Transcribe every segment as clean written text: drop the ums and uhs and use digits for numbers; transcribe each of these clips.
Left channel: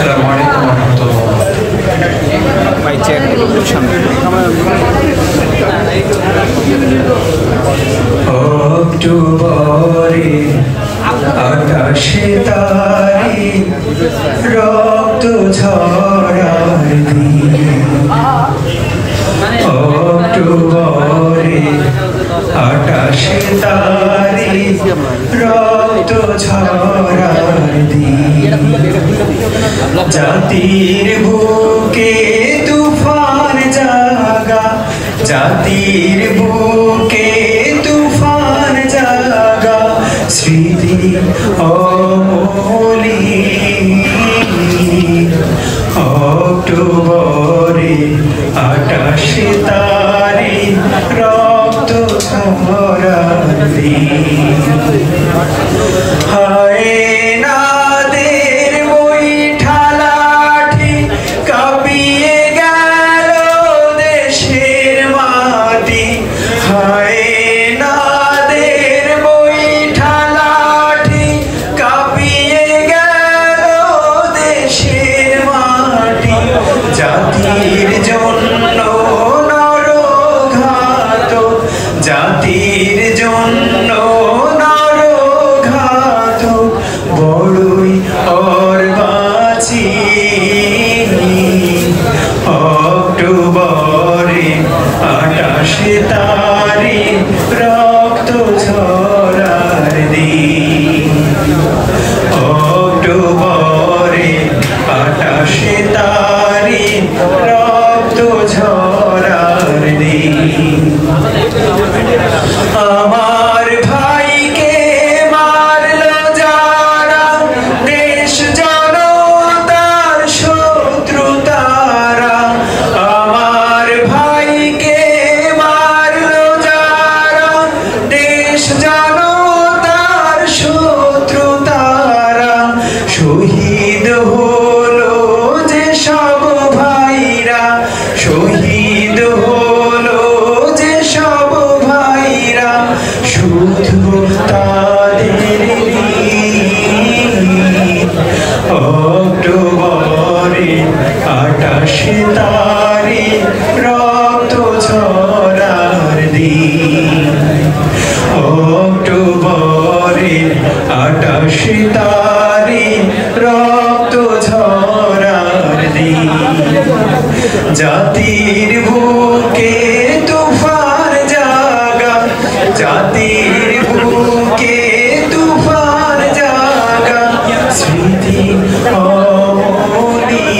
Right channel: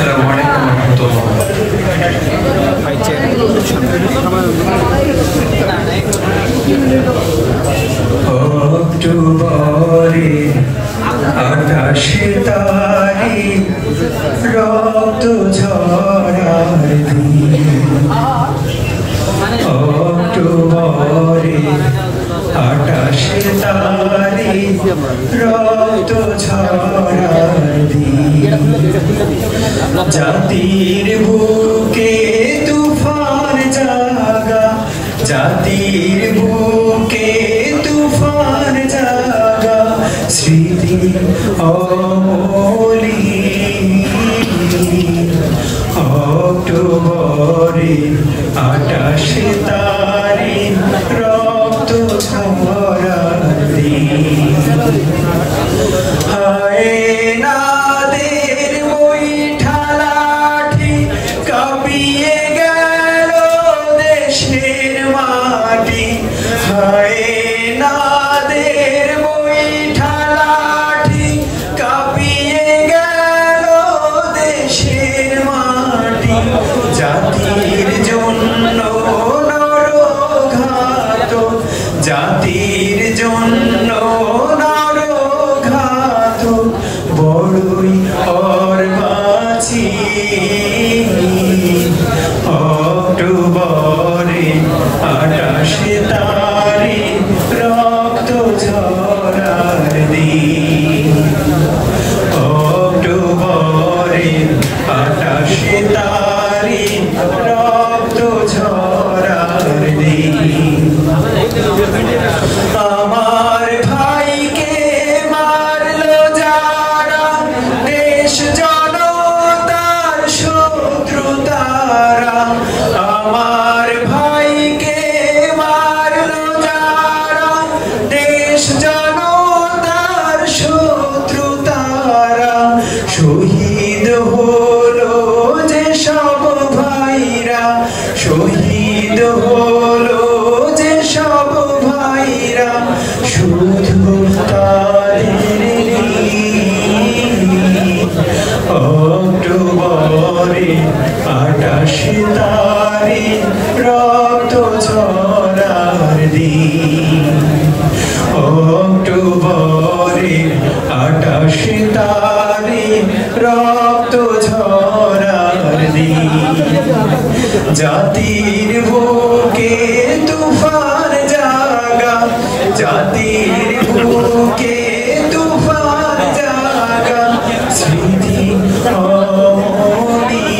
আসসালামু আলাইকুম ওয়া রাহমাতুল্লাহ। অক্টোবরে আকাশে তারে রক্ত ঝরার দিন, অক্টোবরে আকাশে তারে রক্ত ঝরার দিন, জাতির বুকে তুফান জাগা, জাতির বুকে তুফান জাগা, স্মৃতি অমলিন। অক্টোবরে আকাশে তারে রক্ত ঝরার দিন, হায় নাদের বৈঠা লাঠি কাঁপিয়ে গেল দেশের মাটি, হায় নাদের বৈঠা লাঠি কাঁপিয়ে গেল দেশের মাটি, জাতির জন্য নরঘাত, জাতির জন্য নরঘাত, বড়ই অর্বাচী। অক্টোবরে আকাশে তারে রক্ত ঝরার দিন, অক্টোবরে আকাশে তারে রক্ত ঝরার দিন। আমার ভাইকে মারলো যারা, দেশ জনতার শত্রু তারা, আমার ভাইকে মারলো যারা, দেশ জনতার শত্রু তারা, শহীদ হলো যে সব ভাইরা, শহীদ হলো যে সব ভাইরা, শুধু তাদের অক্টোবরে আকাশে তারে রক্ত ঝরার দিন, অক্টোবরে আকাশে তারে রক্ত ঝরার দিন, জাতির বুকে তুফান জাগা, জাতির বুকে তুফান জাগা, স্মৃতি অমলিন।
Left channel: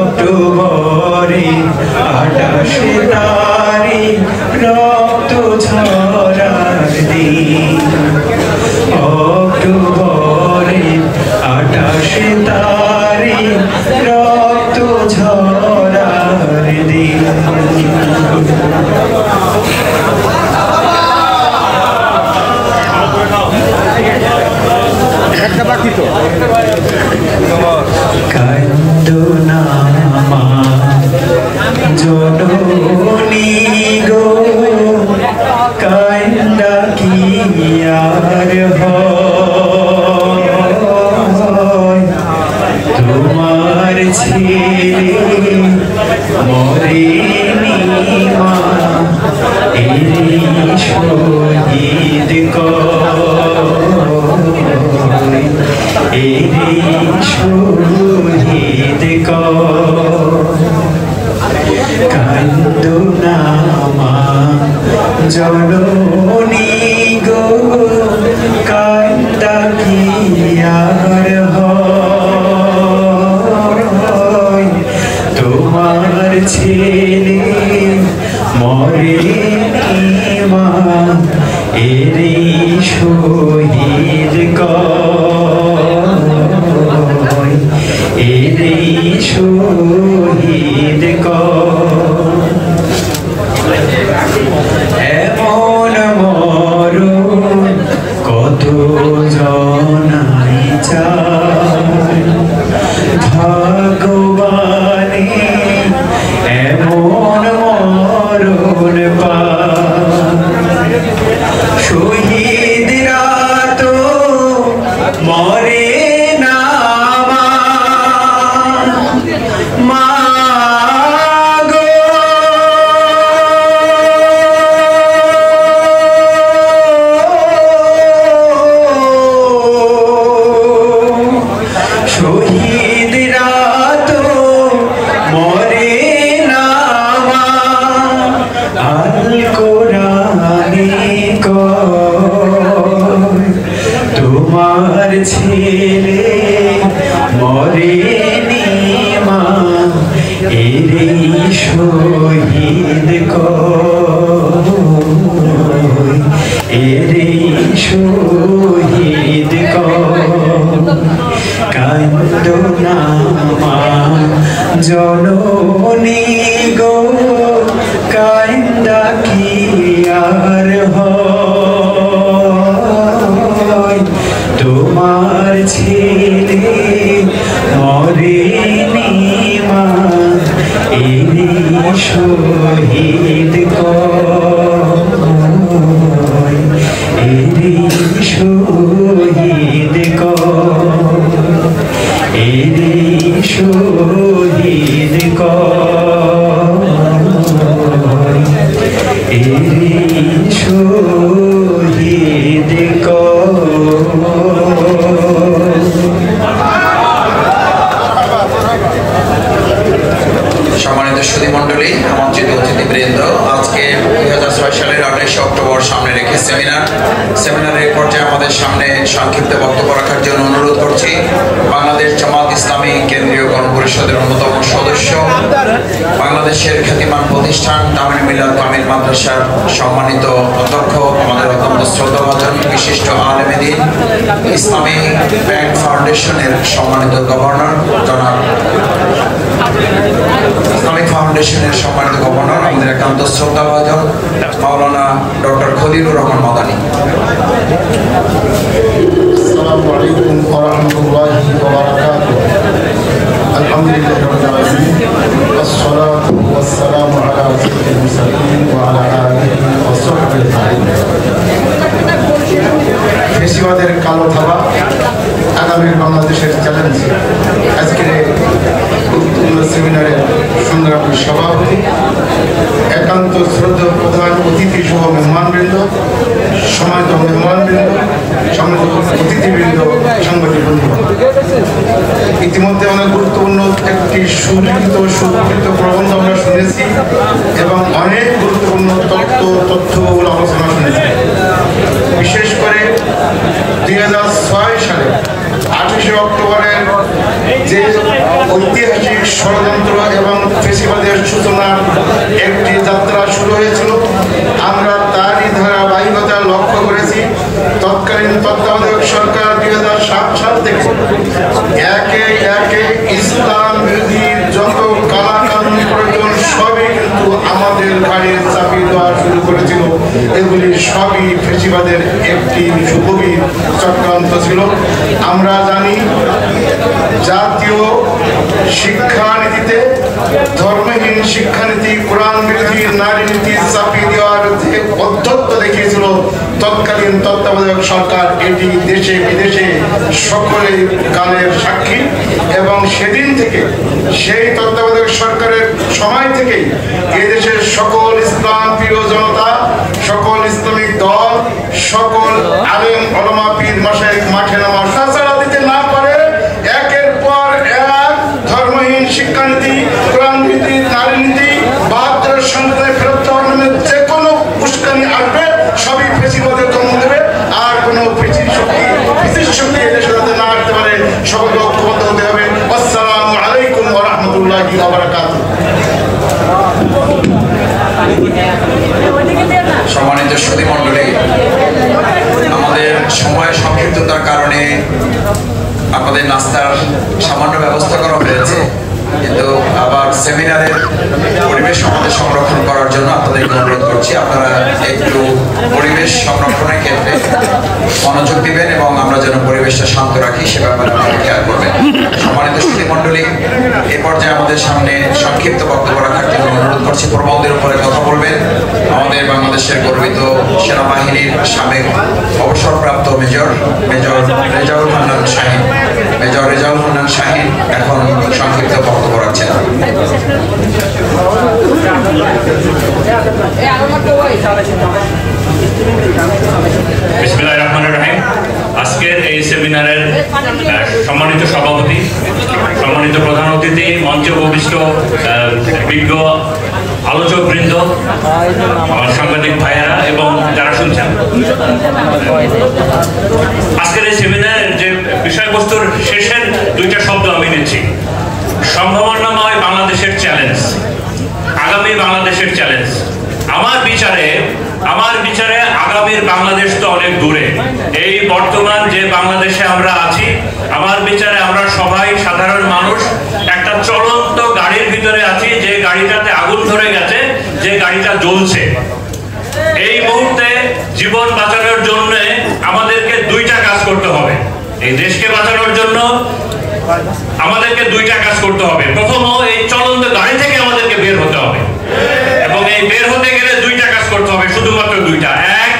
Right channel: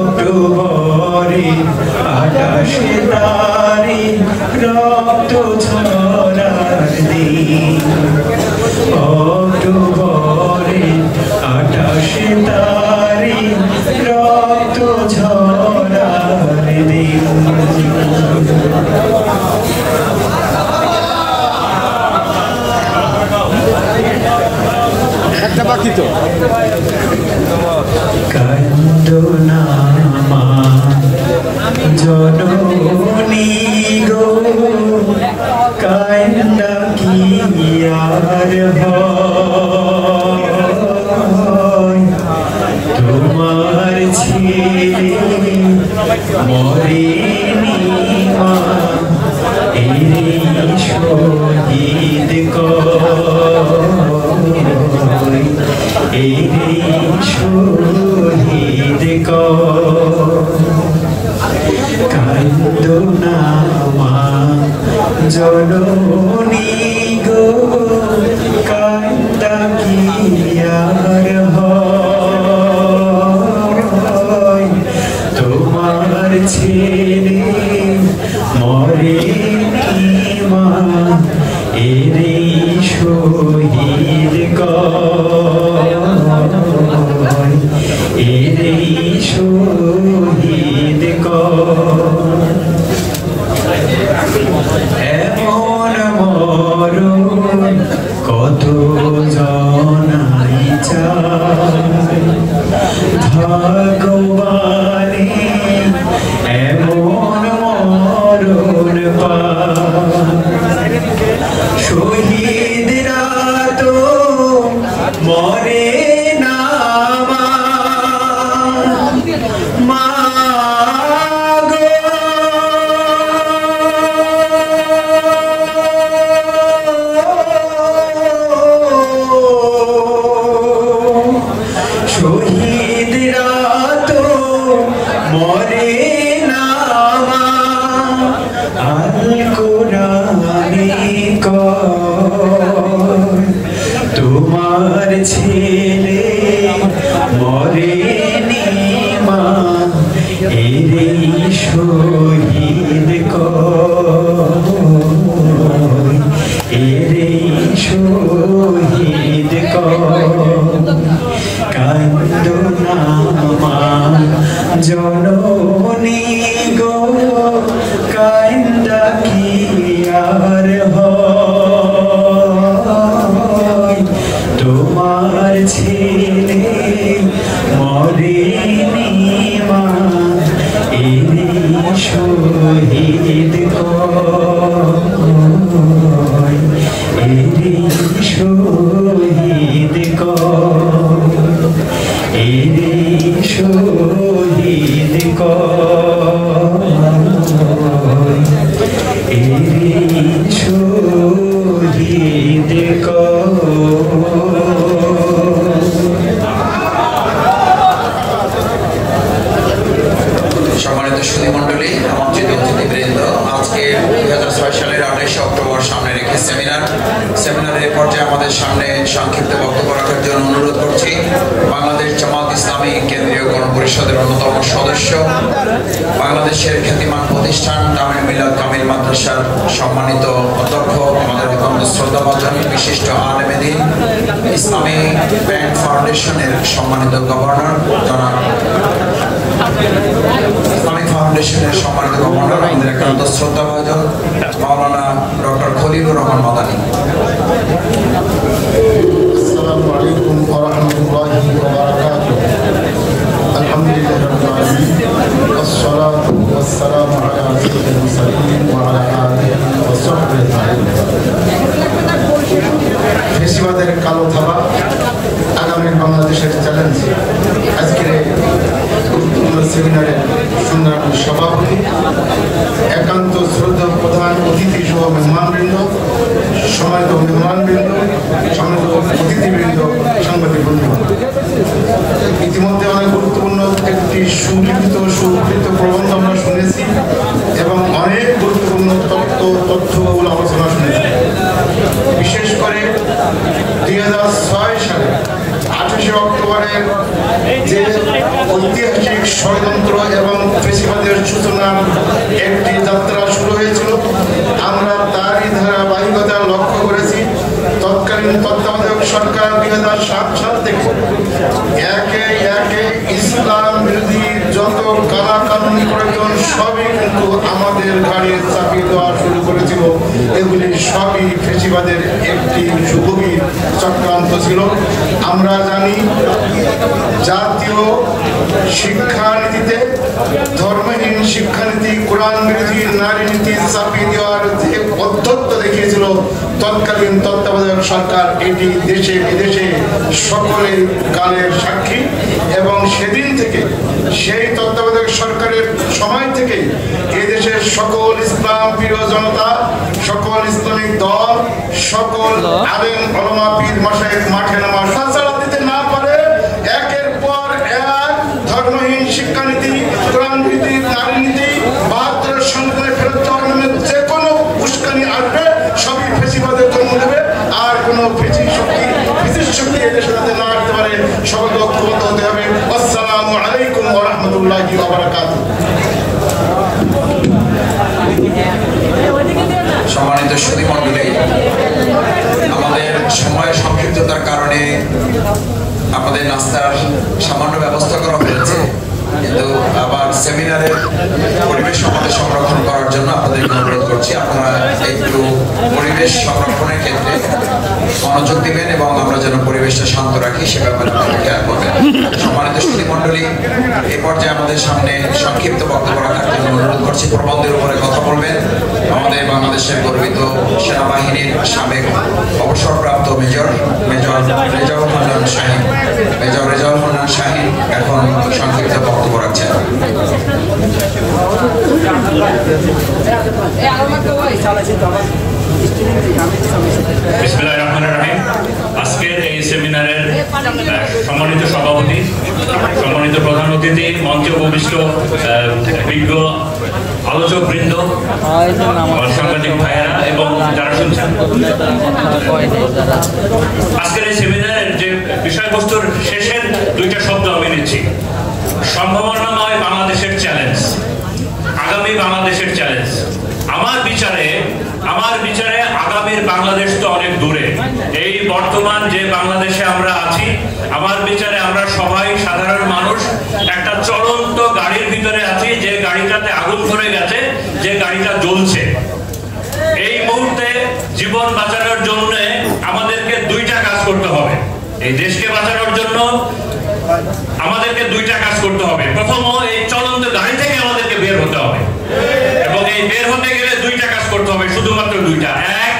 অক্টোবরে আকাশে তারে রক্ত ঝরার দিন, অক্টোবরে আকাশে তারে রক্ত ঝরার দিন। কান্দো না মা জননী গো, কান্দা কি আর হয়, তোমার ছেলে মরেনি মা, এই শহীদ কয়, এই শহীদ কয়। কান্দো না মা জননী গো, কান্দা কি আর হয়, তোমার ছেলে মরেনি মা, এরে শহীদ কয়, এরে শহীদ কয়। এমন মরণ কত জনাই চায়, ভগবানে এমন মরণ পায়, শহীদরা তো মরে ছেলে মরেনি মা এরে শহীদ কই এরে শহীদ কই কান্দো না মা জননী গো কান্দা কি আর হয় তোমার ছেলে মরেনি মা এরে শহীদ কই এরে শহীদ কই এরে শহীদ কই এরে শহীদ সম্মানিত সুধীমণ্ডলী, আমন্ত্রিত অতিথিবৃন্দ, আজকে 2006 সালের 28 অক্টোবর সামনে রেখে সেমিনারের পর্যায়ে আমাদের সামনে সংক্ষিপ্ত বক্তব্য রাখার জন্য অনুরোধ করছি বাংলাদেশ জামাত ইসলামী কেন্দ্রীয় গণপরিষদের অন্যতম সদস্য, বাংলাদেশের খ্যাতিমান প্রতিষ্ঠান তামিল মিলাদ কামিল মাদ্রাসার সম্মানিত অধ্যক্ষ, আমাদের অত্যন্ত শ্রদ্ধাভাজন বিশিষ্ট আলেম দ্বীন, ইসলামী ব্যাংক ফাউন্ডেশনের সম্মানিত গভর্নর জনাব ইসলামিক ফাউন্ডেশনের সম্মানিত গভর্নর, আমাদের একান্ত শ্রদ্ধাভাজন মাওলানা ডক্টর খলিলুর রহমান মাদানী। আসসালামু আলাইকুম ওয়া রাহমাতুল্লাহি ওয়া বারাকাতুহু। আলহামদুলিল্লাহি রাব্বিল আলামিন, আসসালাতু ওয়াসসালামু আলা সাইয়্যিদিল মুরসালিন ওয়া আলা আলিহি ওয়া সাহবিহি আজমাইন। ফেসিবাদের কালো থাবা আগামী বাংলাদেশের চ্যালেঞ্জ। আজকের গুরুত্বপূর্ণ সেমিনারে সংগ্রামী সভাপতি, একান্ত শ্রদ্ধা প্রধান অতিথি সহ মেহমানবৃন্দ, সম্মানিত মেহমানবৃন্দ, সম্মানিত অতিথিবৃন্দ, সাংবাদিক বন্ধু, ইতিমধ্যে অনেক গুরুত্বপূর্ণ একটি সুলিখিত প্রবন্ধ আমরা শুনেছি এবং অনেক গুরুত্বপূর্ণ তথ্যগুলো আলোচনা শুনেছি। বিশেষ করে 2006 সালে 28 অক্টোবরের যে ঐতিহাসিক ষড়যন্ত্র এবং ফেসিবাদের সূচনার একটি যাত্রা শুরু হয়েছিল, আমরা তারই ধারাবাহিকতা লক্ষ্য করেছি। তৎকালীন তত্ত্বাবধায়ক সরকার 2007 সাল থেকে একে একে ইসলাম বিরোধী যত কালাকানুন প্রয়োজন সবই কিন্তু আমাদের ঘাড়ে চাপিয়ে দেওয়া শুরু করেছিল। এগুলি সবই ফেসিবাদের একটি সুগভীর চক্রান্ত ছিল। আমরা জানি জাতীয় শিক্ষানীতিতে ধর্মহীন শিক্ষানীতি, কোরআন বিরোধী নারী নীতি চাপিয়ে দেওয়ার যে অধ্যত্ত দেখিয়েছিল তৎকালীন তত্ত্বাবধায়ক সরকার, এটি দেশে বিদেশে সকলে কালের সাক্ষী। এবং সেদিন থেকে, সেই তত্ত্বাবধায়ক সরকারের সময় থেকেই এই দেশের সকল ইসলাম প্রিয় জনতা, সকল ইসলামিক দল, সকল আলেম ওলামা পীর মাশায়েখ মাঠে নামা সাড়া দিতে না পারে একের পর এক ধর্মহীন শিক্ষানীতি, কোরআন নীতি, নারী নীতি, 72 সংবিধানে ফেরত দেওয়ার নামে যে কোনো উস্কানি আসবে সবই ফেসিবাদের জন্ম দেবে। আর কোনো ফেসিস শক্তি এদেশে যাতে না আসতে পারে সকলকে ঐক্যবদ্ধ হতে হবে। আসসালামু আলাইকুম ওয়া রাহমাতুল্লাহি ওয়া বারাকাতুহু। সম্মানিত সুধীমণ্ডলী, আমাদের সময়ের সংক্ষিপ্ততার কারণে আমাদের নাস্তার সামান্য ব্যবস্থা করা হয়েছে, কিন্তু আবার সেমিনারের পরিবেশ আমাদের সংরক্ষণ করার জন্য আপনাদেরকে অনুরোধ করছি আপনারা একটু পরিবেশ সংরক্ষণের ক্ষেত্রে মনোযোগ দিবেন এবং আমরা যেন পরিবেশটা শান্ত রাখি সে ব্যাপারে আপনারা খেয়াল করবেন। সম্মানিত সুধীমণ্ডলী, এ পর্যায়ে আমাদের সামনে সংক্ষিপ্ত বক্তব্য রাখার জন্য অনুরোধ করছি। প্রবন্ধের উপরে কথা বলবেন আমাদের বাংলাদেশের গর্বিত সেনাবাহিনীর সাবেক অবসরপ্রাপ্ত মেজর রেজাউল হান্নান শাহীন। মেজর রেজাউল হান্নান শাহীন এখন সংক্ষিপ্ত বক্তব্য রাখছেন। বিসমিল্লাহির রহমানির রহিম। আজকের এই সেমিনারের সম্মানিত সভাপতি, সম্মানিত প্রধান অতিথি, মঞ্চে উপবিষ্ট বিজ্ঞ আলোচকবৃন্দ, আমার সাংবাদিক ভাইয়েরা এবং যারা শুনছেন, আজকের এই সেমিনারের যে বিষয়বস্তুর শেষের দুইটা শব্দ আমি নিচ্ছি: সম্ভাবনাময় বাংলাদেশের চ্যালেঞ্জ, আগামী বাংলাদেশের চ্যালেঞ্জ। আমার বিচারে আগামীর বাংলাদেশ তো অনেক দূরে। এই বর্তমান যে বাংলাদেশে আমরা আছি, আমার বিচারে আমরা সবাই সাধারণ মানুষ একটা চলন্ত গাড়ির ভিতরে আছি, যে গাড়িটাতে আগুন ধরে গেছে, যে গাড়িটা জ্বলছে। এই মুহূর্তে জীবন বাঁচানোর জন্য আমাদেরকে দুইটা কাজ করতে হবে। এই দেশকে বাঁচানোর জন্য আমাদেরকে দুইটা কাজ করতে হবে। প্রথম, এই চলন্ত গাড়ি থেকে আমাদেরকে বের হতে হবে, এবং এই বের হতে গেলে দুইটা কাজ করতে হবে, শুধুমাত্র দুইটা। এক,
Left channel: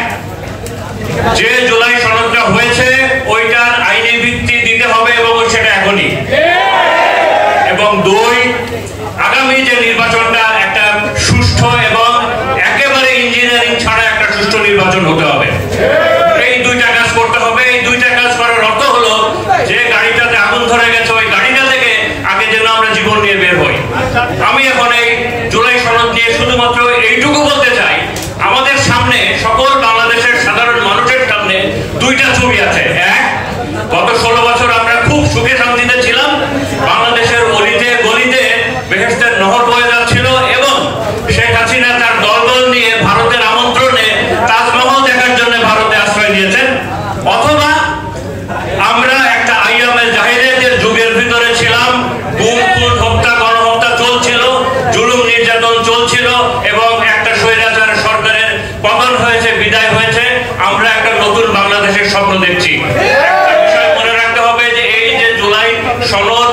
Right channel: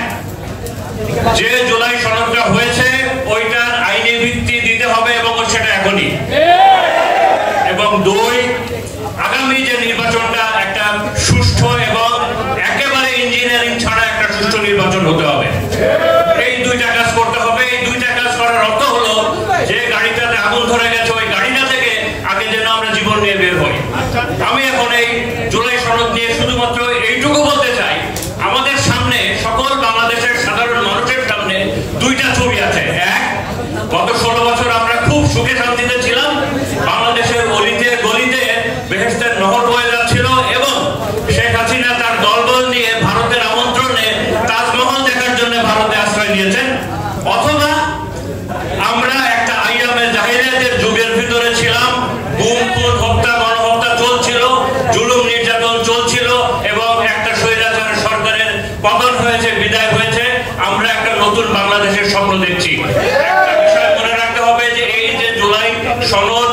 যে জুলাই সনদটা হয়েছে ওইটার আইনি ভিত্তি দিতে হবে, এবং সেটা এখনই। এবং দুই, আগামী যে নির্বাচনটা একটা সুষ্ঠু এবং একেবারে ইঞ্জিনিয়ারিং ছাড়া একটা সুষ্ঠু নির্বাচন হতে হবে। এই দুইটা কাজ করতে হবে। এই দুইটা কাজ করার অর্থ হলো যে গাড়িটাতে আগুন ধরে গেছে, ওই গাড়িটা থেকে আগে যেন আমরা জীবন নিয়ে বের হই। আমি এখন এই জুলাই সনদ নিয়ে শুধুমাত্র এইটুকু বলতে চাই, আমাদের সামনে, সকল বাংলাদেশের সাধারণ মানুষের সামনে দুইটা ছবি আছে। এক, গত 16 বছর আমরা খুব সুখে শান্তিতে ছিলাম, বাংলাদেশের অলিতে গলিতে বেহেশতের নহর বয়ে যাচ্ছিল, এবং শেখ হাসিনা তার দলবল নিয়ে ভারতের আমন্ত্রণে তাজমহল দেখার জন্য ভারতে আশ্রয় নিয়েছেন। অথবা আমরা একটা আইয়ামে জাহিলিয়াতের যুগের ভিতরে ছিলাম, গুম খুন হত্যা গণহত্যা চলছিল, জুলুম নির্যাতন চলছিল, এবং একটা স্বৈরাচার সরকারের পতন হয়েছে, বিদায় হয়েছে। আমরা একটা নতুন বাংলাদেশের স্বপ্ন দেখছি। একটা বিষয় মনে রাখতে হবে যে এই যে জুলাই সনদ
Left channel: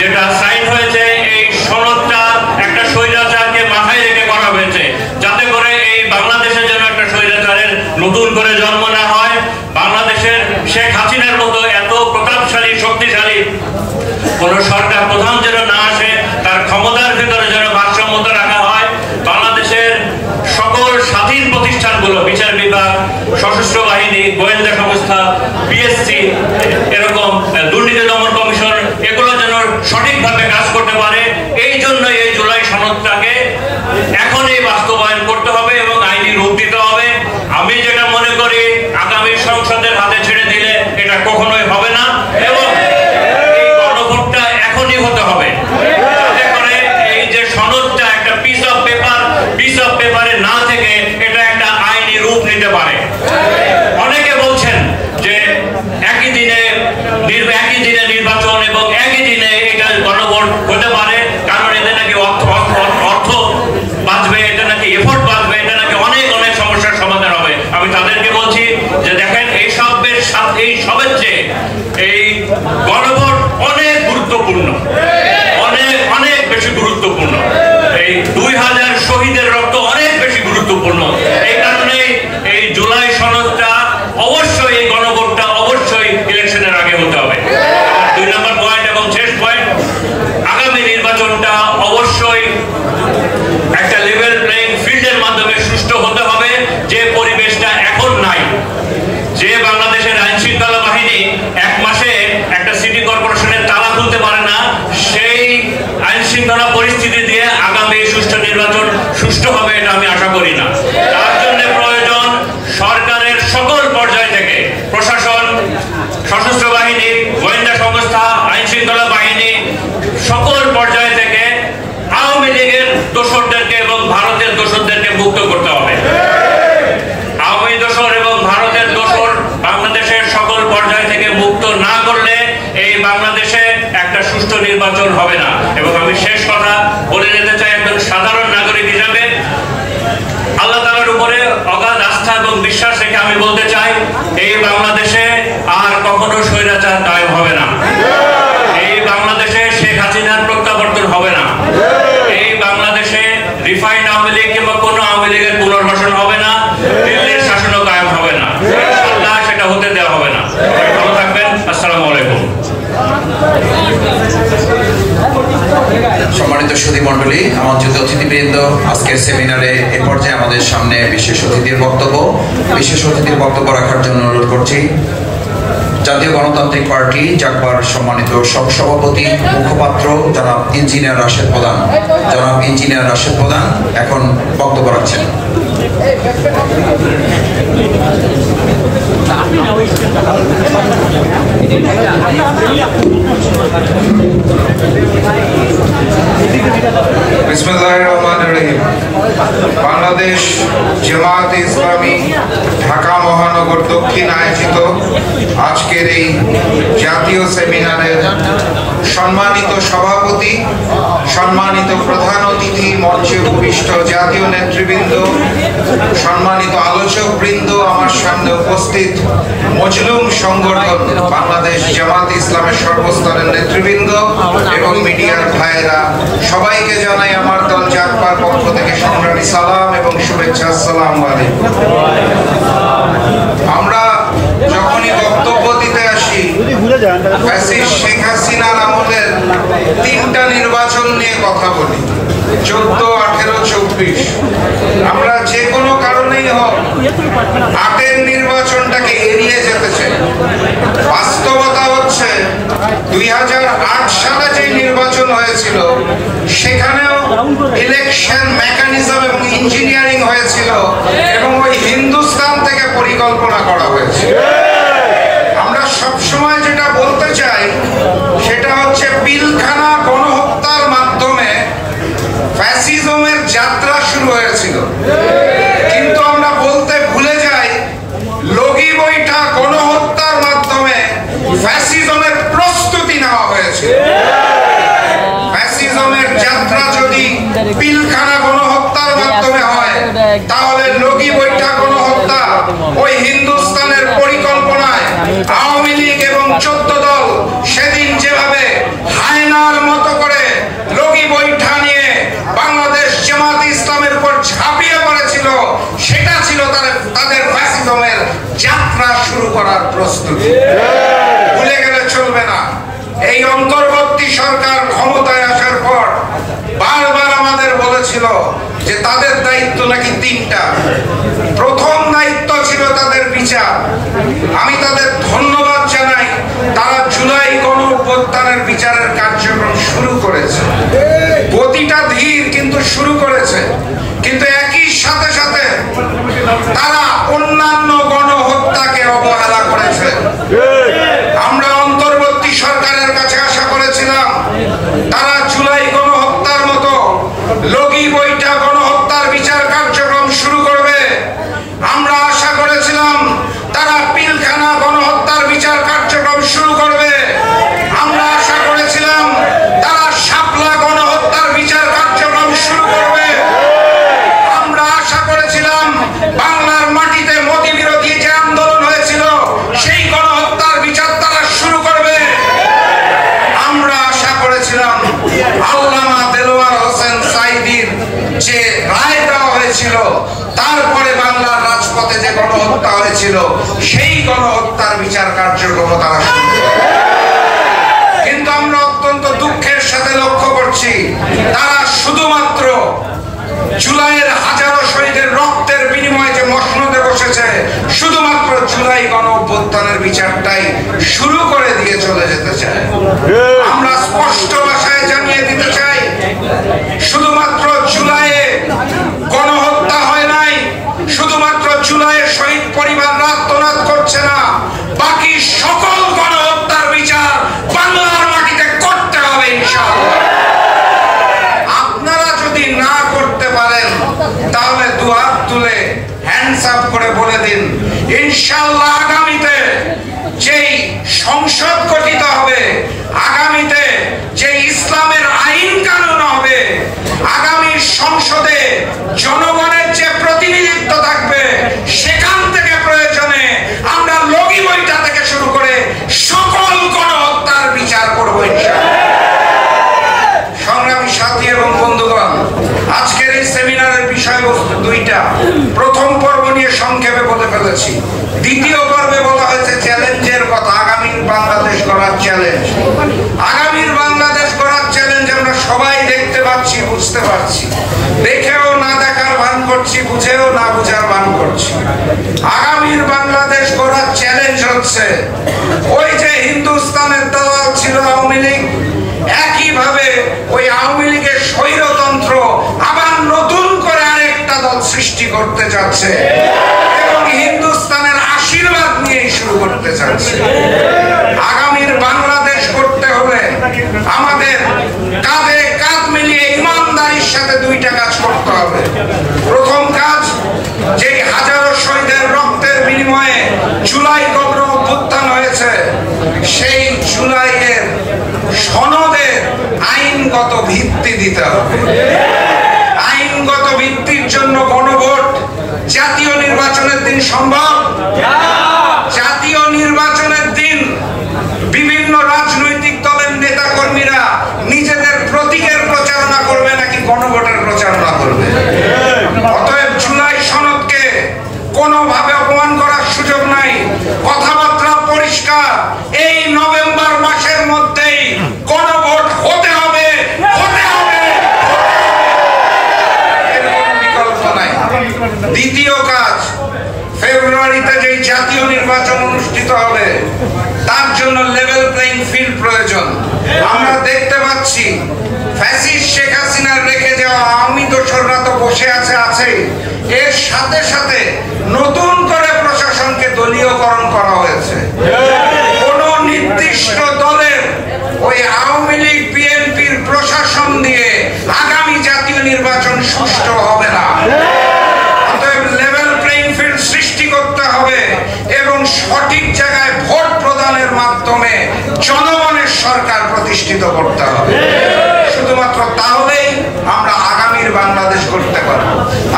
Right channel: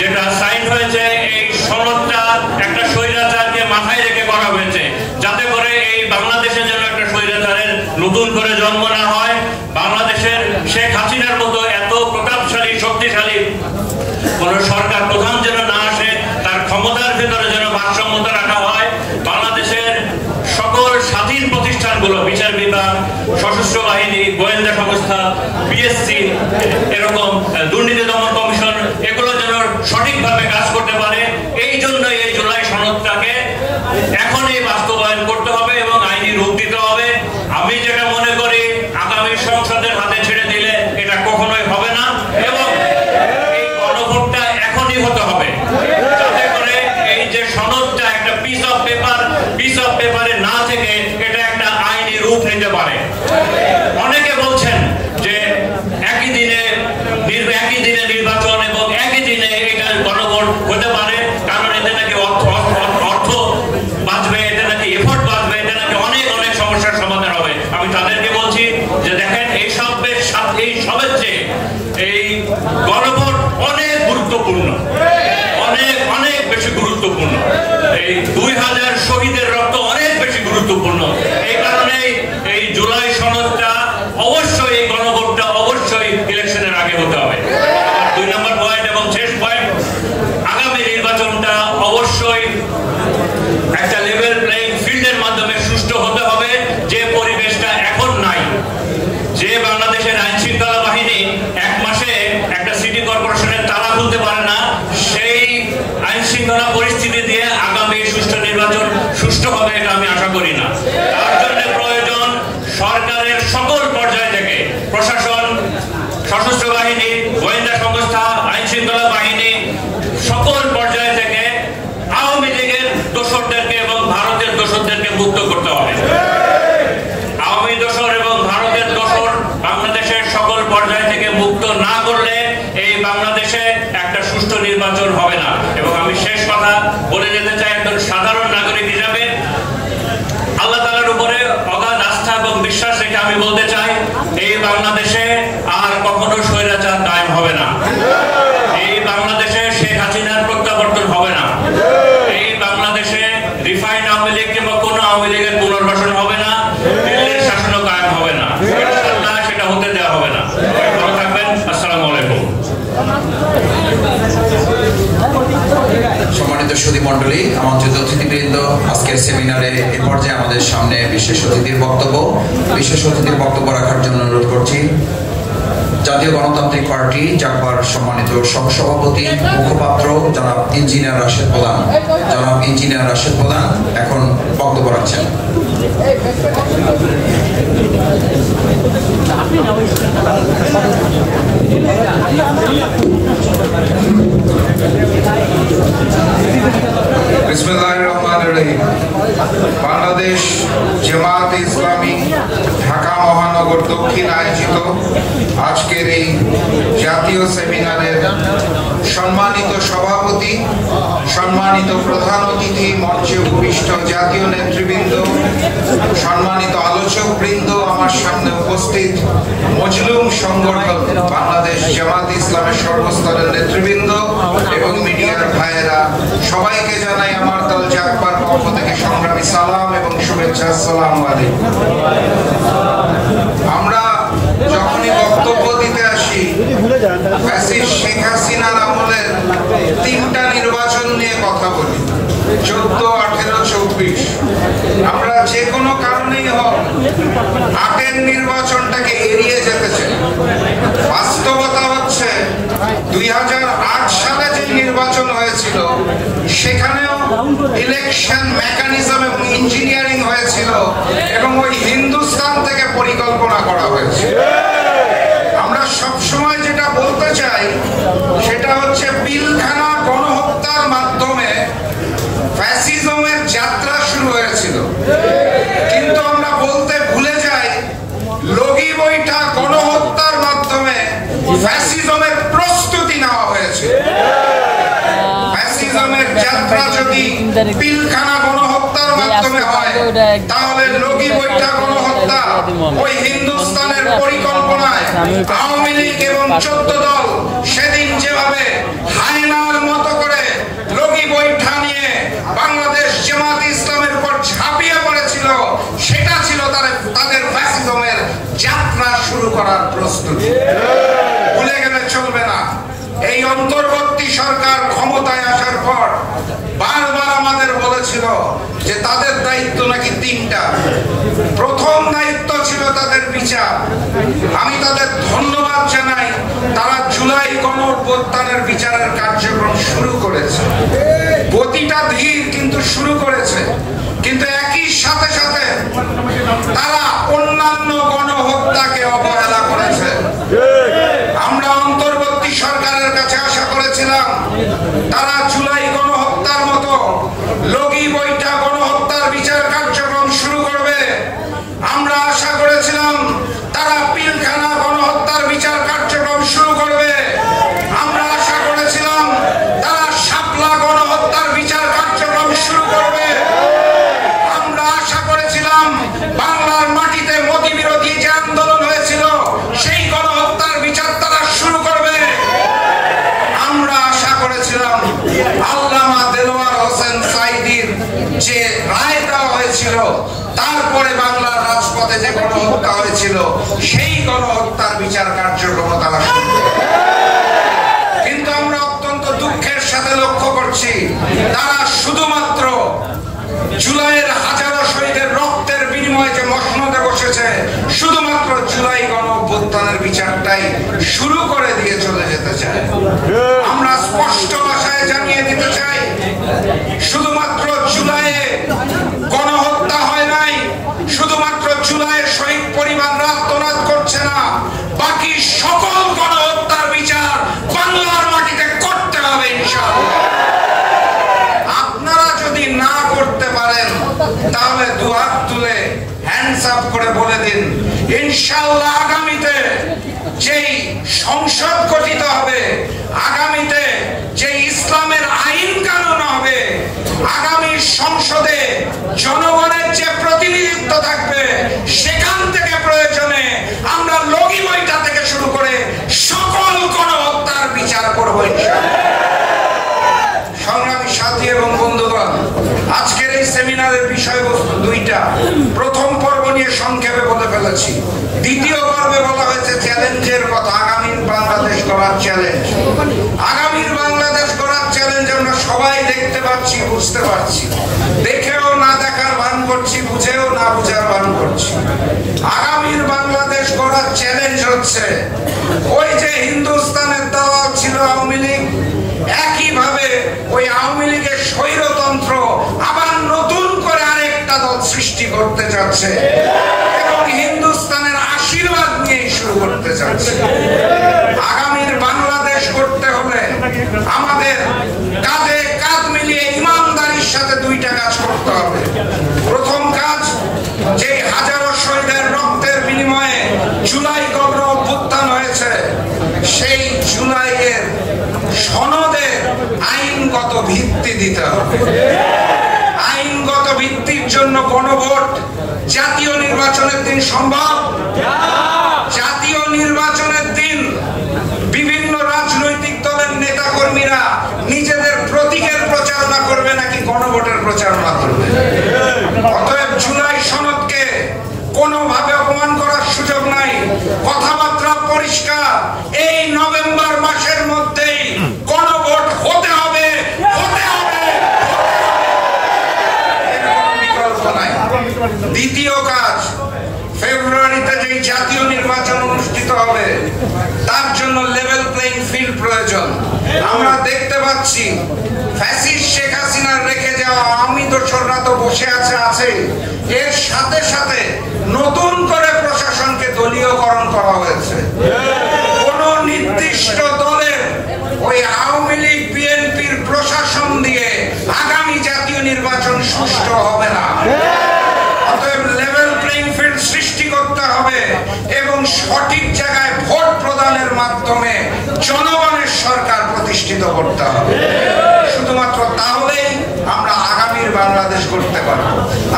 যেটা সাইন হয়েছে, এই সনদটা একটা স্বৈরাচারকে মাথায় রেখে করা হয়েছে, যাতে করে এই বাংলাদেশে যেন একটা স্বৈরাচারের নতুন করে জন্ম না হয়। বাংলাদেশের শেখ হাসিনার মতো এত প্রতাপশালী শক্তিশালী কোন সরকার প্রধান যেন না আসে, তার ক্ষমতার ভেতরে যেন ভারসাম্যতা রাখা হয়। বাংলাদেশের সকল স্বাধীন প্রতিষ্ঠানগুলো, বিচার বিভাগ, সশস্ত্র বাহিনী, গোয়েন্দা সংস্থা, পিএসসি, এরকম দুর্নীতি দমন কমিশন, এগুলো যেন সঠিকভাবে কাজ করতে পারে। এই জন্য এই জুলাই সনদটাকে এখনই বাস্তবায়ন করতে হবে এবং আইনি রূপ দিতে হবে। আমি যেটা মনে করি, আগামী সংসদের হাতে ছেড়ে দিলে এটা কখনোই হবে না, এবং এই গণভোটটা এখনই হতে হবে, যাতে করে এই যে সনদটা একটা পিস অফ পেপারে না থেকে এটা একটা আইনি রূপ নিতে পারে। অনেকে বলছেন যে একই দিনে নির্বাচন এবং একই দিনে এটা গণভোট হতে পারে, কারণ এতে নাকি অর্থ বাঁচবে, এটা নাকি এফোর্ট বাঁচবে, এটা নাকি অনেক অনেক সমস্যার সমাধান হবে। আমি তাদেরকে বলছি যে দেখেন, এই সবের চেয়ে এই গণভোট অনেক গুরুত্বপূর্ণ, অনেক বেশি গুরুত্বপূর্ণ। এই 2000 শহীদের রক্ত অনেক বেশি গুরুত্বপূর্ণ। এই কারণে এই জুলাই সনদটা অবশ্যই, এই গণভোটটা অবশ্যই ইলেকশনের আগে হতে হবে। 2 নম্বর পয়েন্ট এবং শেষ পয়েন্ট, আগামী নির্বাচনটা অবশ্যই একটা লেভেল প্লেইং ফিল্ডের মাধ্যমে সুষ্ঠু হতে হবে, যে পরিবেশটা এখন নাই। যে বাংলাদেশের আইন শৃঙ্খলা বাহিনী 1 মাসে একটা সিটি কর্পোরেশনের তালা খুলতে পারে না, সেই আইন শৃঙ্খলা পরিস্থিতি দিয়ে আগামী সুষ্ঠু নির্বাচন সুষ্ঠু হবে এটা আমি আশা করি না। তার জন্য প্রয়োজন সরকারের সকল পর্যায় থেকে, প্রশাসন, সশস্ত্র বাহিনী, গোয়েন্দা সংস্থা, আইন শৃঙ্খলা বাহিনী, সকল পর্যায় থেকে আওয়ামী লীগের দোসরদেরকে এবং ভারতের দোসরদেরকে মুক্ত করতে হবে। আওয়ামী দোসর এবং ভারতের দোসর বাংলাদেশের সকল পর্যায় থেকে মুক্ত না করলে এই বাংলাদেশে একটা সুষ্ঠু নির্বাচন হবে না। এবং আমি শেষ কথা বলে যেতে চাই, একজন সাধারণ নাগরিক হিসাবে আল্লাহ তাআলার উপরে অগাধ আস্থা এবং বিশ্বাস রেখে আমি বলতে চাই, এই বাংলাদেশে আর কখনো স্বৈরাচার কায়েম হবে না। এই বাংলাদেশে শেখ হাসিনার প্রত্যাবর্তন হবে না। এই বাংলাদেশে রিফাইন্ড আওয়ামী লীগ কিংবা কোনো আওয়ামী লীগের পুনর্বাসন হবে না। দিল্লির শাসনও কায়েম হবে না, ইনশাআল্লাহ সেটা হতে দেওয়া হবে না। সবাই ভালো থাকবেন। আসসালামু আলাইকুম। সম্মানিত সুধী মণ্ডলী, আমন্ত্রিত অতিথিবৃন্দ, আজকের সেমিনারে এ পর্যায়ে আমাদের সামনে বিশেষ অতিথির বক্তব্য রাখার জন্য অনুরোধ করছি জাতীয় গণতান্ত্রিক পার্টি জাকবার সম্মানিত সহসভাপতি মুখপাত্র জনাব ইঞ্জিনিয়ার রাশেদ প্রধান এখন বক্তব্য রাখছেন। বিসমিল্লাহির রহমানির রহিম। বাংলাদেশ জামায়াতে ইসলামী ঢাকা মহানগর দক্ষিণ আয়োজিত আজকের এই জাতীয় সেমিনারের সম্মানিত সভাপতি, সম্মানিত প্রধান অতিথি, মঞ্চে উপবিষ্ট জাতীয় নেতৃবৃন্দ, সম্মানিত আলোচক বৃন্দ, আমার সামনে উপস্থিত মজলুম সংগঠন বাংলাদেশ জামায়াতে ইসলামের সর্বস্তরের নেতৃবৃন্দ এবং মিডিয়ার ভাইয়েরা, সবাইকে জানাই আমার দল জাকবার পক্ষ থেকে সংগ্রামী সালাম এবং শুভেচ্ছা। আসসালামু আলাইকুম। আমরা যখনই বক্তব্য দিতে আসি, শেখ হাসিনার আমলের 3টা নির্বাচন নিয়ে কথা বলি, 14, 18, 24। আমরা যে কোনো কারণেই হোক 8-এর নির্বাচনটাকে এড়িয়ে যেতে চাই। বাস্তবতা হচ্ছে 2008 সালে যে নির্বাচন হয়েছিল সেখানেও ইলেকশন মেকানিজম এবং ইঞ্জিনিয়ারিং হয়েছিল এবং ওই হিন্দুস্তান থেকে পরিকল্পনা করা হয়েছিল। আমরা সবসময় যেটা বলতে চাই সেটা হচ্ছে পিলখানা গণহত্যার মাধ্যমে ফ্যাসিজমের যাত্রা শুরু হয়েছিল, কিন্তু আমরা বলতে ভুলে যাই লগি বৈঠা গণহত্যার মাধ্যমে ফ্যাসিজমের প্রস্তুতি নেওয়া হয়েছিল। ফ্যাসিজমের যাত্রা যদি পিলখানা গণহত্যার মাধ্যমে হয়, তাহলে লগি বৈঠা গণহত্যা ওই হিন্দুস্তানের পরিকল্পনায় আওয়ামী লীগ এবং 14 দল সেদিন যেভাবে হায়নার মতো করে লগি বৈঠা নিয়ে বাংলাদেশ জামায়াতে ইসলামের উপর ঝাঁপিয়ে পড়েছিল, সেটা ছিল তাদের ফ্যাসিজমের যাত্রা শুরু করার প্রস্তুতি। ভুলে গেলে চলবে না। এই অন্তর্বর্তী সরকার ক্ষমতায় আসার পর বারবার আমাদের বলেছিল যে তাদের দায়িত্ব নাকি 3টা। প্রথম দায়িত্ব ছিল তাদের বিচার। আমি তাদের ধন্যবাদ জানাই, তারা জুলাই গণঅভ্যুত্থানের বিচারের কার্যক্রম শুরু করেছে। গতিটা ধীর কিন্তু শুরু করেছে, কিন্তু একই সাথে সাথে তারা অন্যান্য গণহত্যাকে অবহেলা করেছে। আমরা অন্তর্বর্তী সরকারের কাছে আশা করেছিলাম তারা জুলাই গণহত্যার মতো লগি বৈঠা গণহত্যার বিচার কার্যক্রম শুরু করবে। আমরা আশা করেছিলাম তারা পিলখানা গণহত্যার বিচার কার্যক্রম শুরু করবে। আমরা আশা করেছিলাম তারা শাপলা গণহত্যার বিচার কার্যক্রম শুরু করবে। আমরা আশা করেছিলাম বাংলার মাটিতে মোদী বিরোধী যে আন্দোলন হয়েছিল সেই গণহত্যার বিচার তারা শুরু করবে। আমরা আশা করেছিলাম আল্লামা দেলোয়ার হোসেন সাঈদীর যে রায় দেওয়া হয়েছিল, তারপরে বাংলার রাজপথে যে গণহত্যা হয়েছিল সেই গণহত্যার বিচার কার্যক্রম তারা শুরু করবে। কিন্তু আমরা অত্যন্ত দুঃখের সাথে লক্ষ্য করছি তারা শুধুমাত্র জুলাইয়ের হাজারো শহীদের রক্তের বিনিময়ে যে মসনদে বসেছে, শুধুমাত্র জুলাই গণঅভ্যুত্থানের বিচারটাই শুরু করে দিয়ে চলে যেতে চায়। আমরা স্পষ্ট ভাষায় জানিয়ে দিতে চাই, শুধুমাত্র জুলাইয়ে গণহত্যা হয় নাই, শুধুমাত্র জুলাইয়ে শহীদ পরিবাররা আত্মনাদ করছে না, বাকি সকল গণহত্যার বিচার বাংলার মাটিতে করতে হবে ইনশাআল্লাহ। আপনারা যদি না করতে পারেন তাহলে দুহাত তুলে হ্যান্ডস আপ করে বলে দিন ইনশাআল্লাহ আগামীতে যেই সংসদ গঠিত হবে, আগামীতে যে ইসলামের আইন কানুন হবে, আগামী সংসদে জনগণের যে প্রতিনিধিত্ব থাকবে, সেখান থেকে প্রয়োজনে আমরা লগি বৈঠা থেকে শুরু করে সকল গণহত্যার বিচার করব ইনশাআল্লাহ। সংগ্রামী সাথী এবং বন্ধুগণ, আজকের এই সেমিনারের বিষয়বস্তু 2টা। প্রথম পর্ব নিয়ে সংক্ষেপে বলে ফেলেছি। দ্বিতীয় পর্বে বলা হয়েছে চ্যালেঞ্জের কথা, আগামীর বাংলাদেশ গড়ার চ্যালেঞ্জ। আগামীর বাংলাদেশ গড়ার চ্যালেঞ্জ আমরা সবাই দেখতে পাচ্ছি, বুঝতে পারছি। দেখেও না দেখার ভান করছি, বুঝেও না বুঝার ভান করছি। আগামীর বাংলাদেশ গড়ার চ্যালেঞ্জ হচ্ছে ওই যে হিন্দুস্তানের দালাল ছিল আওয়ামী লীগ, একইভাবে ওই আওয়ামী লীগের স্বৈরতন্ত্র আবার নতুন করে আরেকটা দল সৃষ্টি করতে যাচ্ছে এবং হিন্দুস্তানের আশীর্বাদ নিয়ে শুরু করতে যাচ্ছে। আগামীর বাংলাদেশ করতে হলে আমাদের কাঁধে কাঁধ মিলিয়ে ইমানদারির সাথে দুইটা কাজ করতে হবে। প্রথম কাজ, যে হাজারো শহীদের রক্তের বিনিময়ে জুলাই গণ অভ্যুত্থান হয়েছে, সেই জুলাইয়ের সনদের আইনগত ভিত্তি দিতে হবে। আইনগত ভিত্তির জন্য গণভোট জাতীয় নির্বাচনের দিন সম্ভব? জাতীয় নির্বাচনের দিন বিভিন্ন রাজনৈতিক দলের নেতা কর্মীরা নিজেদের প্রতীকের প্রচারণা করবে নাকি গণভোটের প্রচারণা করবে? অতএব জুলাই সনদকে কোনোভাবে অপমান করার সুযোগ নাই। কথাবার্তা পরিষ্কার, এই নভেম্বর মাসের মধ্যেই গণভোট হতে হবে, হতে হবে, এর কোনো বিকল্প নাই। দ্বিতীয় কাজ, ফেব্রুয়ারিতে যে জাতীয় নির্বাচন অনুষ্ঠিত হবে তার জন্য লেভেল প্লেইং ফিল্ড প্রয়োজন। আমরা দেখতে পাচ্ছি ফ্যাসিস্ট শেখ হাসিনার রেখে যাওয়া আওয়ামী দোসররা তো বসে আছে, এর সাথে সাথে নতুন করে প্রশাসনকে দলীয়করণ করা হয়েছে। কোন নির্দিষ্ট দলের ওই আওয়ামী লীগ বিএনপির প্রশাসন দিয়ে আগামী জাতীয় নির্বাচন সুষ্ঠু হবে না। অতএব লেভেল প্লেইং ফিল্ড সৃষ্টি করতে হবে এবং সঠিক জায়গায় ভোট প্রদানের মাধ্যমে জনগণের সরকার প্রতিষ্ঠিত করতে হবে। শুধুমাত্র তাহলেই আমরা আগামীর বাংলাদেশ করতে পারব।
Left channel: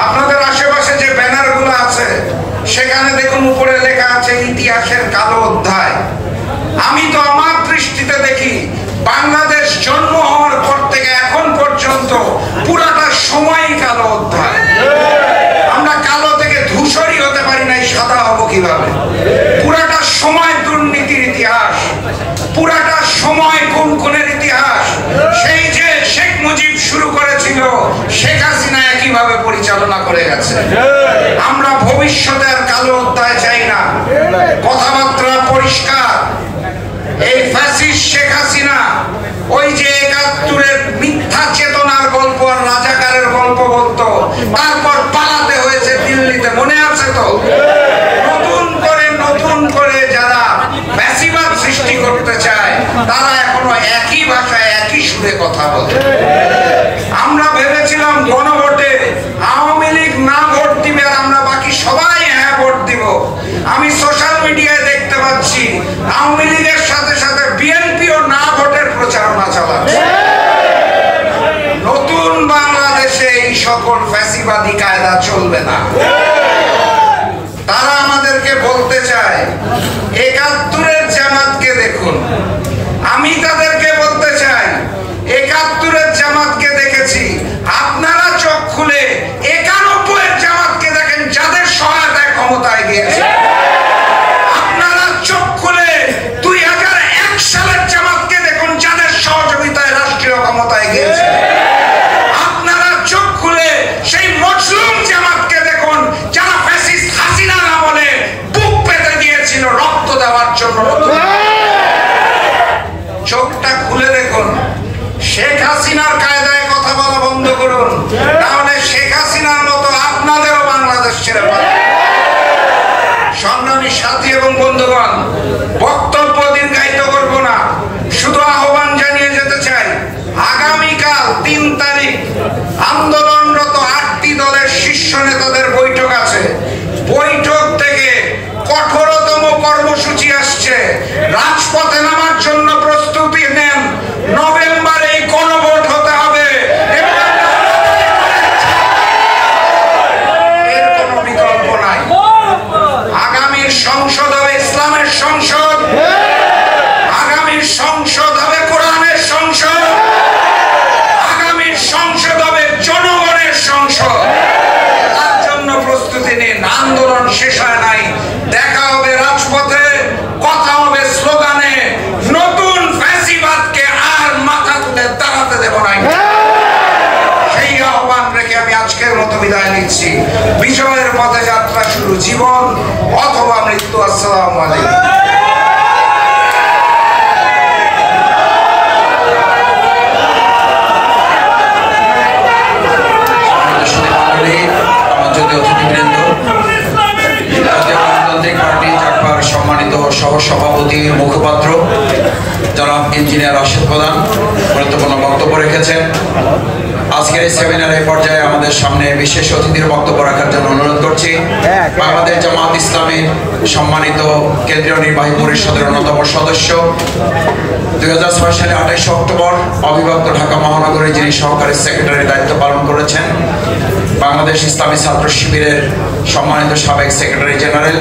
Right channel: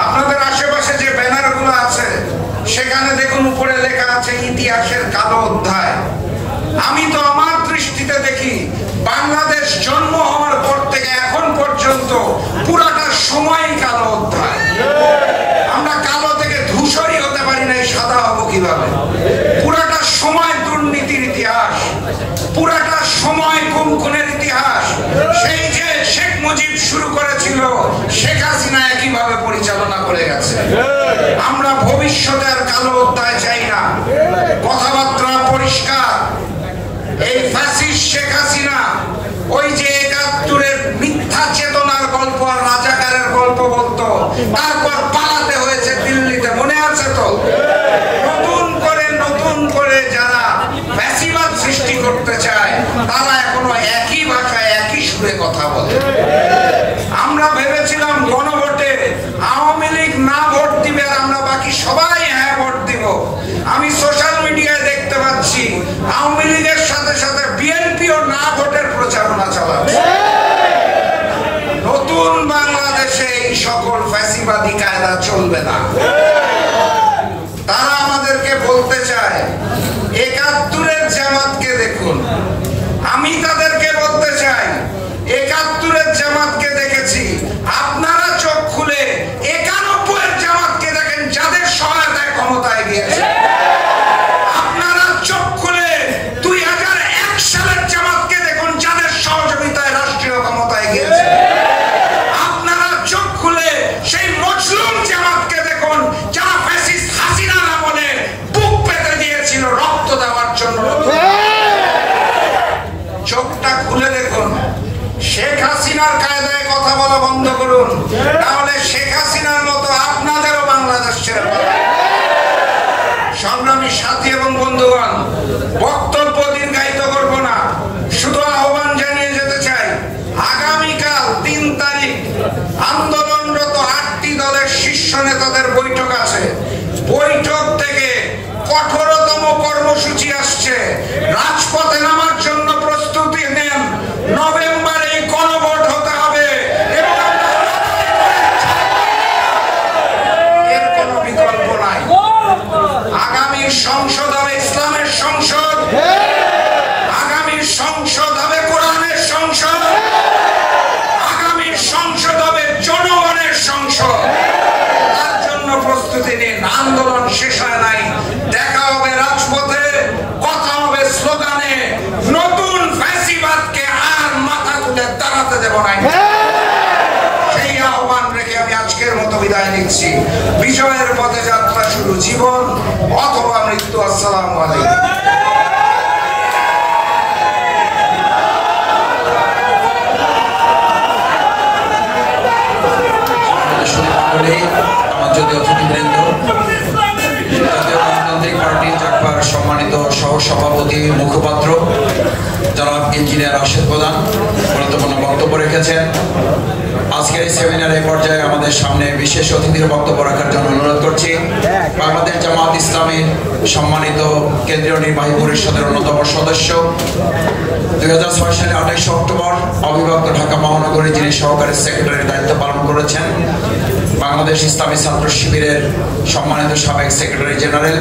আপনাদের আশেপাশে যে ব্যানারগুলো আছে সেখানে দেখুন উপরে লেখা আছে ইতিহাসের কালো অধ্যায়। আমি তো আমার দৃষ্টিতে দেখি বাংলাদেশ জন্ম হওয়ার পর থেকে এখন পর্যন্ত পুরাটা সময়ই কালো অধ্যায়। আমরা কালো থেকে ধূসরই হতে পারি নাই, সাদা হবো কিভাবে? পুরাটা সময় দুর্নীতির ইতিহাস, পুরাটা সময় খুনের ইতিহাস। সেই যে শেখ মুজিব শুরু করেছিল, শেখ হাসিনা একইভাবে পরিচালনা করে গেছে। আমরা ভবিষ্যতে আর কালো অধ্যায় চাই না। কথাবার্তা পরিষ্কার, এই ফ্যাসিস্ট শেখ হাসিনা ওই যে ৭১-এর মিথ্যা চেতনার গল্প আর রাজাকারের গল্প বলতো, তারপর পালাতে হয়েছে দিল্লিতে, মনে আছে তো? নতুন করে যারা ফ্যাসিবাদ সৃষ্টি করতে চায় তারা এখনো একই ভাষায় একই সুরে কথা বলে। আমরা ভেবেছিলাম গণভোটে আওয়ামী লীগ না ভোট দিবে আর আমরা বাকি সবাই হ্যাঁ ভোট দিব। আমি সোশ্যাল মিডিয়ায় দেখতে পাচ্ছি আওয়ামী লীগের সাথে সাথে বিএনপিও না ভোটের প্রচারণা চালাচ্ছে। নতুন বাংলাদেশে এই সকল ফ্যাসিবাদী কায়দা চলবে না। তারা আমাদেরকে বলতে চায় ৭১-এর জামাতকে দেখুন। আমি তাদেরকে বলতে চাই ৭১-এর জামাতকে দেখেছি, আপনারা চোখ খুলে ৯১-এর জামাতকে দেখেন যাদের সহায়তায় ক্ষমতায় গিয়েছে। আপনারা চোখ খুলে ২০০১ সালের জামাতকে দেখুন যাদের সহযোগিতায় রাষ্ট্রীয় ক্ষমতায় গিয়েছে। আপনারা চোখ খুলে সেই মজলুম জামাতকে দেখুন যারা ফ্যাসিস্ট হাসিনার আমলে বুক পেতে দিয়েছিল রক্ত দেওয়ার জন্য। চোখটা খুলে দেখুন, শেখ হাসিনার কায়দায় কথা বলা বন্ধ করুন, তাহলে শেখ হাসিনার মতো আপনাদেরও বাংলাদেশ ছেড়ে পাবে। সংগ্রামী সাথী এবং বন্ধুগণ, বক্তব্য দীর্ঘায়িত করব না, শুধু আহ্বান জানিয়ে যেতে চাই আগামীকাল ৩ তারিখ আন্দোলনরত ৮টি দলের শীর্ষ নেতাদের বৈঠক আছে। বৈঠক থেকে কঠোরতম কর্মসূচি আসছে। রাজপথে নামার জন্য প্রস্তুতি নেন। নভেম্বরে গণভোট হতে হবে, এর কোনো বিকল্প নাই। আগামীর সংসদ হবে ইসলামের সংসদ, আগামীর সংসদ হবে কোরআনের সংসদ, আগামীর সংসদ হবে জনগণের সংসদ। তার জন্য প্রস্তুতি নিন। আন্দোলন শেষ হয় নাই, দেখা হবে রাজপথে, কথা হবে স্লোগানে। নতুন আসসালামু আলাইকুম। সম্মানিত সহসভাপতি মুখপাত্র জনাব ইঞ্জিনিয়ার রাশেদ প্রধান গুরুত্বপূর্ণ বক্তব্য রেখেছেন। আজকের এই সেমিনারের পর্যায়ে আমাদের সামনে বিশেষ অতিথির বক্তব্য রাখার জন্য অনুরোধ করছি বাংলাদেশ জামাত ইসলামীর সম্মানিত কেন্দ্রীয় নির্বাহী পরিষদের অন্যতম সদস্য, 2006 সালে 28 অক্টোবর অবিভক্ত ঢাকা মহানগরী যিনি সহকারী সেক্রেটারির দায়িত্ব পালন করেছেন, বাংলাদেশ ইসলামী ছাত্র শিবিরের সম্মানিত সাবেক সেক্রেটারি জেনারেল,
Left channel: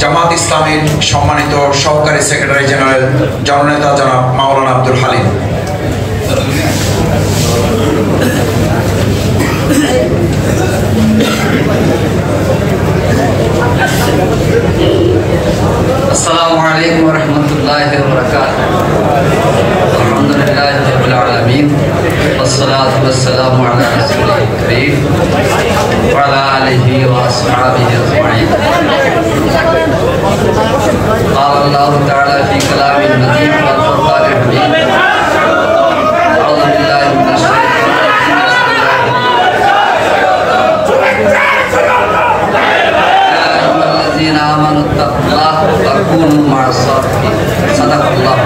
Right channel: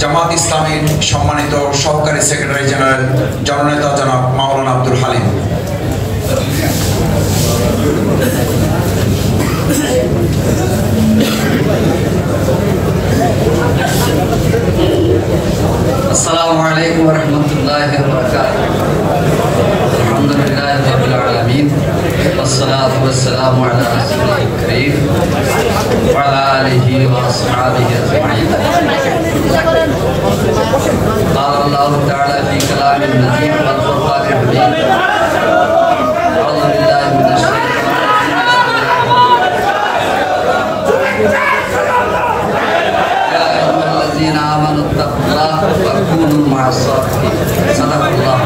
জামাত ইসলামীর সম্মানিত সহকারী সেক্রেটারি জেনারেল জননেতা জনাব মাওলানা আব্দুল হালিম। আসসালামু আলাইকুম ওয়া রাহমাতুল্লাহি ওয়া বারাকাতুহু। আলহামদুলিল্লাহি রাব্বিল আলামিন ওয়াসসালাতু ওয়াসসালামু আলা রাসূলিল কারীম ওয়া আলা আলিহি ওয়া আসহাবিহি আজমাইন। قال الله تعالى في كلام النبي والقرآن الحكيم أعوذ بالله من الشيطان الرجيم آمنوا اتقوا الله وكونوا مع الصادقين صدق الله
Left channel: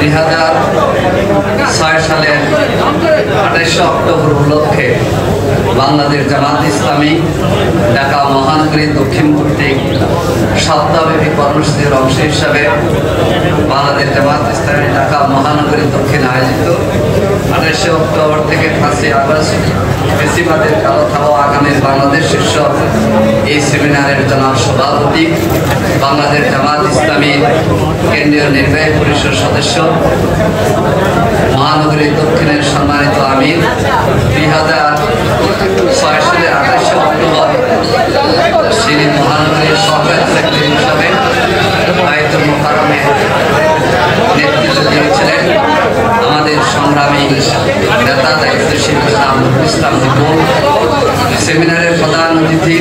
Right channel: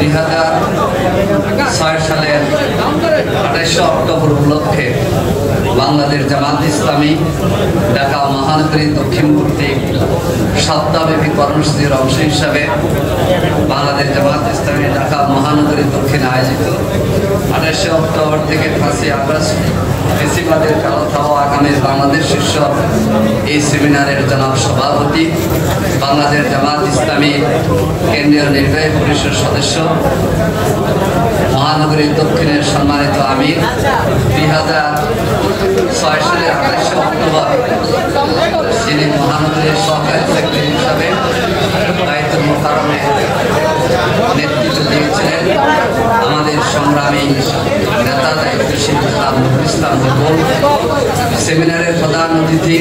2006 সালের 28 অক্টোবর উপলক্ষে বাংলাদেশ জামাত ইসলামী ঢাকা মহানগরী দক্ষিণ কর্তৃক সপ্তাহব্যাপী কর্মসূচির অংশ হিসাবে বাংলাদেশ জামাত ইসলামী ঢাকা মহানগরী দক্ষিণ আয়োজিত 28 অক্টোবর থেকে 5 আগস্ট ফ্যাসিবাদের কালো থাবা আগামীর বাংলাদেশ শীর্ষক এই সেমিনারের জনাব সভাপতি, বাংলাদেশ জামাত ইসলামীর কেন্দ্রীয় নির্বাহী পরিষদ সদস্য, মহানগরী দক্ষিণের সম্মানিত আমির, 2006 সালের 28 অক্টোবর তিনি মহানগরীর সহকারী সেক্রেটারি হিসাবে দায়িত্ব মোকারমে নেতৃত্ব দিয়েছিলেন আমাদের সংগ্রামী নেতা দায়িত্বশীল ইসলাম হুকুম। সেমিনারের প্রধান অতিথি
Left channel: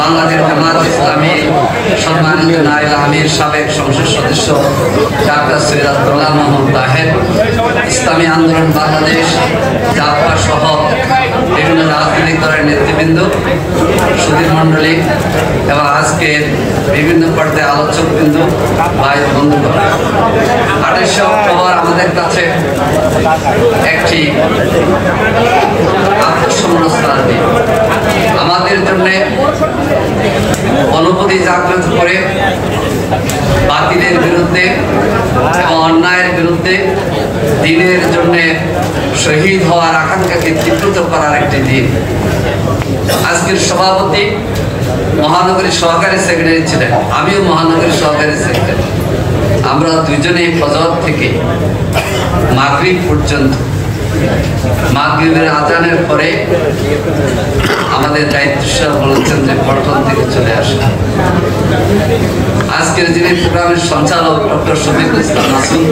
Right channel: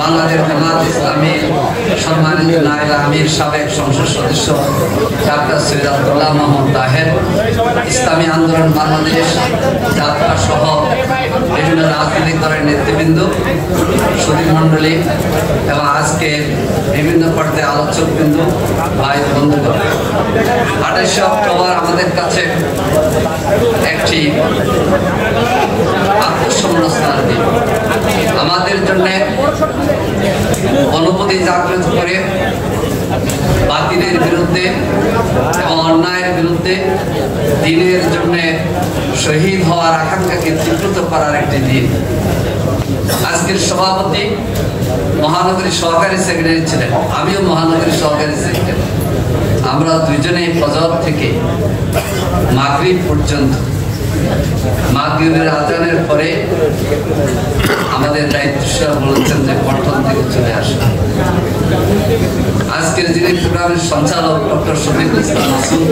বাংলাদেশ জামাত ইসলামী সম্মানিত নায়েব আমির সাবেক সংসদ সদস্য ডাক্তার সৈয়দ আব্দুল্লাহ মোহাম্মদ তাহের, ইসলামী আন্দোলন বাংলাদেশ, জাতপা সহ বিভিন্ন রাজনৈতিক দলের নেতৃবৃন্দ, সুধীর মণ্ডলী এবং আজকের বিভিন্ন পর্যায়ে আলোচকবৃন্দ, ভাই বন্ধুগণ, 28 অক্টোবর আমাদের কাছে একটি আত্মসমর্পণ দিন। আমাদের জন্য অনুভূতি জাগ্রত করে বাতিলের বিরুদ্ধে এবং অন্যায়ের বিরুদ্ধে দিনের জন্য শহীদ হওয়ার আকাঙ্ক্ষাকে চিত্রিত করার একটি দিন। আজকের সভাপতি মহানগরী সহকারী সেক্রেটারি ছিলেন, আমিও মহানগরী সহকারী সেক্রেটারি। আমরা দুজনেই ফজর থেকে মাগরিব পর্যন্ত, মাগরিবের আজানের পরে আমাদের দায়িত্বশীল বলেছেন যে পল্টন থেকে চলে আসা। আজকের যিনি প্রোগ্রামের সঞ্চালক ডক্টর শফিকুল ইসলাম মাসুদ,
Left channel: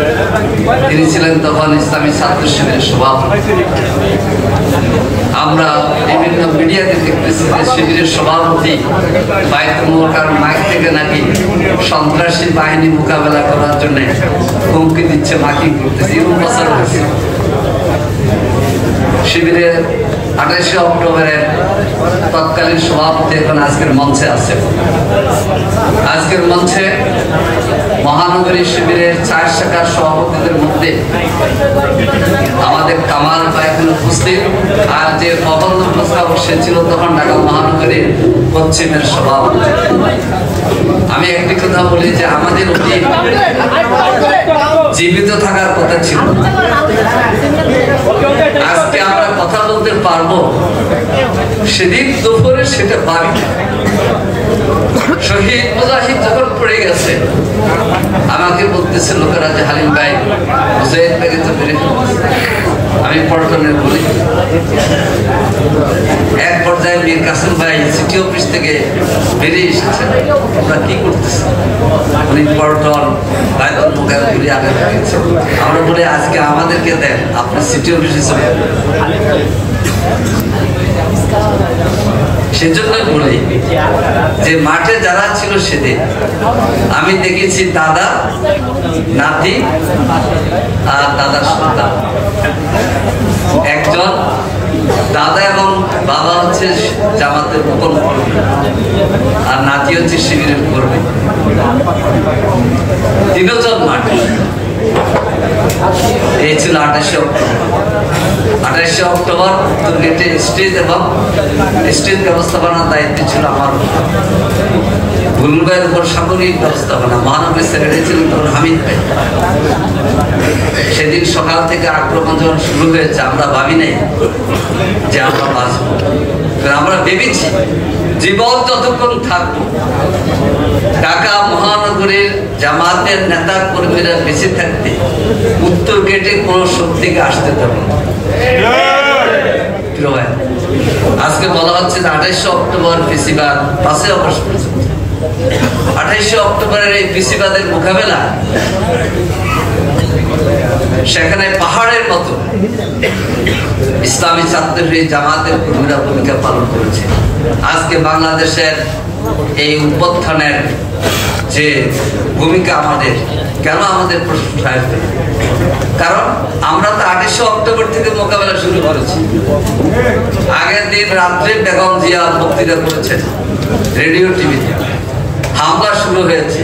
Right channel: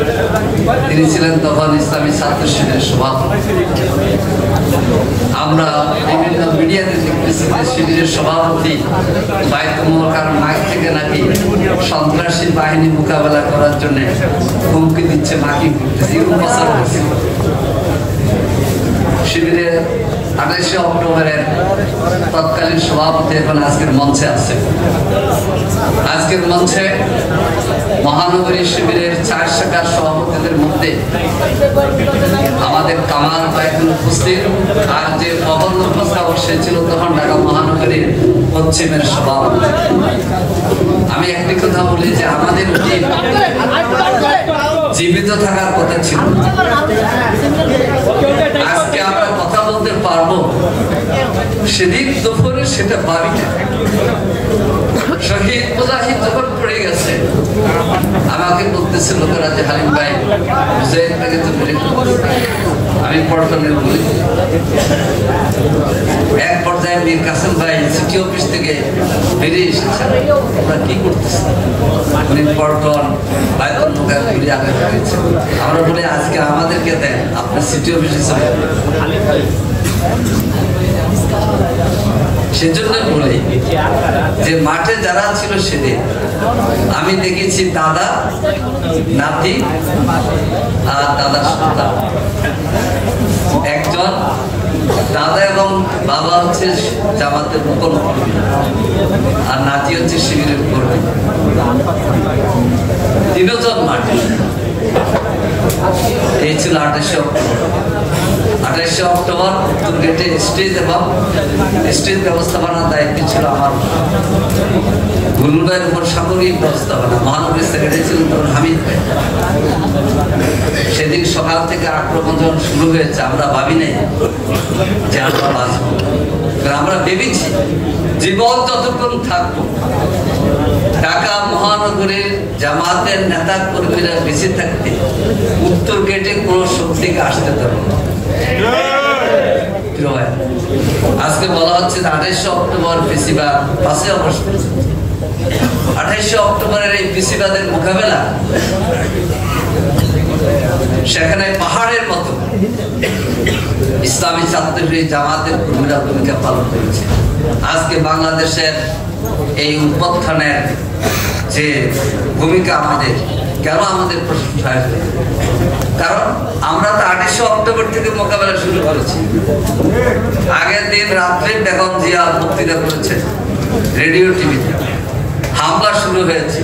তিনি ছিলেন তখন ইসলামী ছাত্র শিবিরের সভাপতি। আমরা বিভিন্ন মিডিয়াতে দেখতেছি যে শিবিরের সভাপতি বাইতুল মাইক থেকে নাকি সন্ত্রাসী বাহিনী মোকাবেলা করার জন্য হুমকি দিচ্ছে, মাইকিং করতেছে, এরকম প্রচার হচ্ছে। শিবিরের 28 অক্টোবরের তৎকালীন সভাপতি এখন আজকের মঞ্চে আছে। আজকের মঞ্চে মহানগরী শিবিরের 4 শাখার সভাপতিদের মধ্যে আমাদের কামাল ভাই এখানে উপস্থিত, আর যে প্রবন্ধ প্রস্তাবক সে ছিল তখন ঢাকা মহানগরীর পশ্চিমের সভাপতি। আমি একটি কথা বলি যে আমাদের উচিত জীবিত থাকার কথা ছিল। আজকে আমরা কথা বলতে পারবো, সেদিন দুপুরে সেটা পারি না। শহীদ মুজাহিদ যখন পড়ে গেছে, আমাকে বলতেছে লোকেরা যে হালিম ভাই মুজাহিদ ভাইকে তো মেরে ফেলেছে। আমি পল্টনের বলি, এক পর্যায়ে মীর কাসেম ভাই সিটি অফিস থেকে বেরিয়ে এসেছেন, ওরা কি করতেছে? উনি পল্টন বাইতুল মোকাররমে আগে গেছে। আমরা বলি আজকে আমাদেরকে দেন, আপনি সিটি অফিসে চলে সেজন্য বলি যে মাঠে যারা ছিল সেদিন আমি দেখেছি দাদা, নাতি আর দাদার সন্তান। একজন দাদা এবং বাবা হচ্ছে জামাতের রোপণ কর্মী আর নাতি হচ্ছে শিবিরের কর্মী। তিনজন মাঠে। এই ছিল 28শে অক্টোবর উত্তর গেটে স্টেজ এবং স্টেজ ব্যবস্থাপনার দায়িত্ব ছিল আমার। বুলবুল ভাইয়ের উপর সামরিক ব্যবস্থাপনা, মহানগরী সেক্রেটারি ছিলেন তখন হামিদ ভাই। সেদিন সকাল থেকে আক্রমণ যখন শুরু হয়েছে আমরা ভাবি নাই যে আমরা বাঁচবো। আমরা ভেবেছি জীবন যতক্ষণ থাকবো ঢাকা মহানগরীর জামাতের নেতা কর্মীরা বেঁচে থাকতে উত্তর গেটে কোন শক্তিকে আসতে দেবো না। আজকে বলা হচ্ছে যে 28শে অক্টোবর ফেসিবাদ 5 আগস্ট পর্যন্ত। 28শে অক্টোবরের এই ফেসিবাদের মোকাবেলা সেখানে পাহাড়ের মতো ইসলামী ছাত্রী জামাতের কর্মীরা ভূমিকা পালন করেছে। আজকে বাংলাদেশের এই উত্থানের যে ভূমিকা আমাদের, কেন আমাদের প্রশংসা? কারণ আমরা তো 28শে অক্টোবর থেকে মোকাবেলা শুরু করেছি। আগের দিন রাত্রে বেগম জিয়া বক্তৃতা করেছেন রেডিও টিভিতে। হামলা শুরু হয়েছে।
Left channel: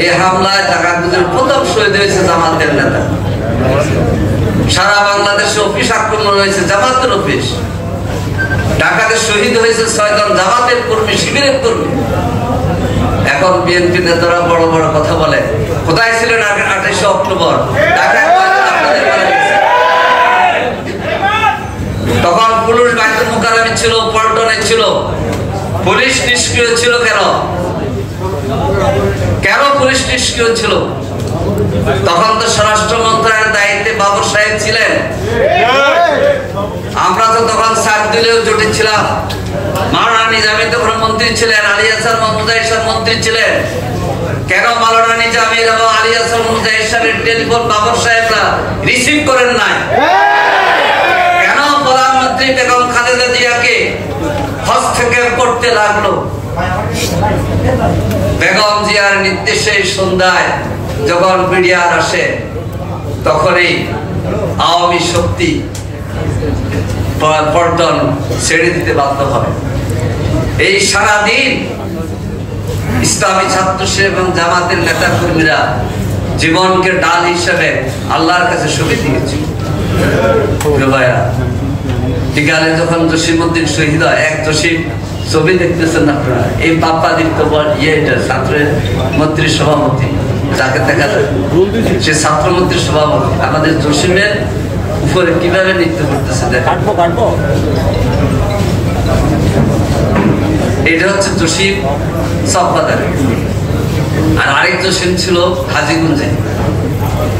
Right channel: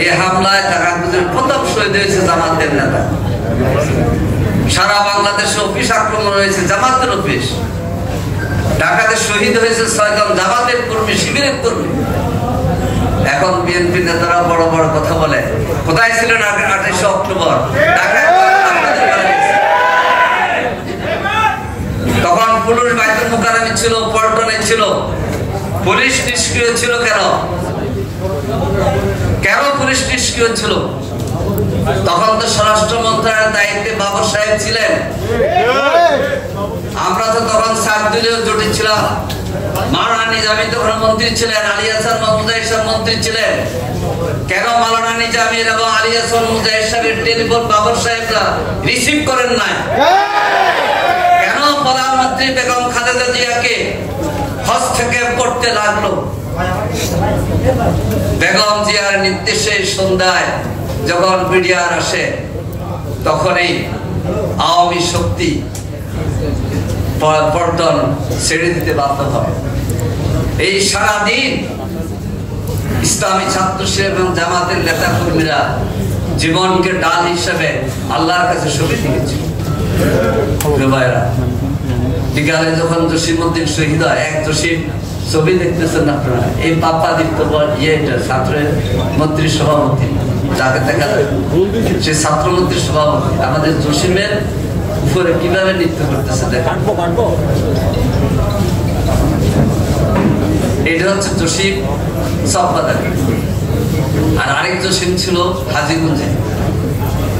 এই হামলায় ঢাকার প্রথম শহীদ হয়েছে জামাতের নেতা। সারা বাংলাদেশে অফিস আক্রমণ হয়েছে, জামাতের অফিস। ঢাকাতে শহীদ হয়েছে 6 জন জামাতের কর্মী, শিবিরের কর্মী। এখন বিএনপি নেতারা বড় বড় কথা বলে। কোথায় ছিলেন 28শে অক্টোবর? ঢাকায় তখন পুলিশ বাইতুল মুকাররমে ছিল, পল্টনে ছিল, পুলিশ নিষ্ক্রিয় ছিল। কেন পুলিশ নিষ্ক্রিয় ছিল? তখন তো স্বরাষ্ট্র মন্ত্রণালয়ের দায়িত্বে বাবর সাহেব ছিলেন। আমরা তো তখন সাত দিলেও জুটেছিলাম। মাওলানা নিজামী তখন মন্ত্রী ছিলেন, আলী হাসান মুজাহিদ সাহেব মন্ত্রী ছিলেন। কেন মাওলানা নিজামী এবং আলী হাসান মুজাহিদ সাহেবের টেলিফোন বাবর সাহেবরা রিসিভ করেন নাই? কেন প্রধানমন্ত্রী বেগম খালেদা জিয়াকে হস্তক্ষেপ করতে লাগলো? বেগম জিয়ার নির্দেশে সন্ধ্যায় যখন মিডিয়ার আসে তখনই আওয়ামী শক্তি পল্টন ছেড়ে দিতে বাধ্য হয়। এই সারাদিন ইসলামী ছাত্র এবং জামাতের নেতা কর্মীরা জীবনকে ডাল হিসেবে আল্লাহর কাছে শহীদ দিয়েছে। বিকালে যখন জসিমউদ্দিন শহীদ হয়, এক জসিম ছবি দেখতেছেন আপনারা, এই পাপ্পা দীপ্ত ছাত্রের মন্ত্রীর সভাপতি যাকে দেখা যায়, সে ছাত্রমন্ত্রীর সভাপতি। আমাদের জসিমের উপরে কিভাবে নৃত্য করতেছে দেখেন। এটা হচ্ছে জসিম চকবাজার। আর আরেক জসিম ছিল হাজীগঞ্জে।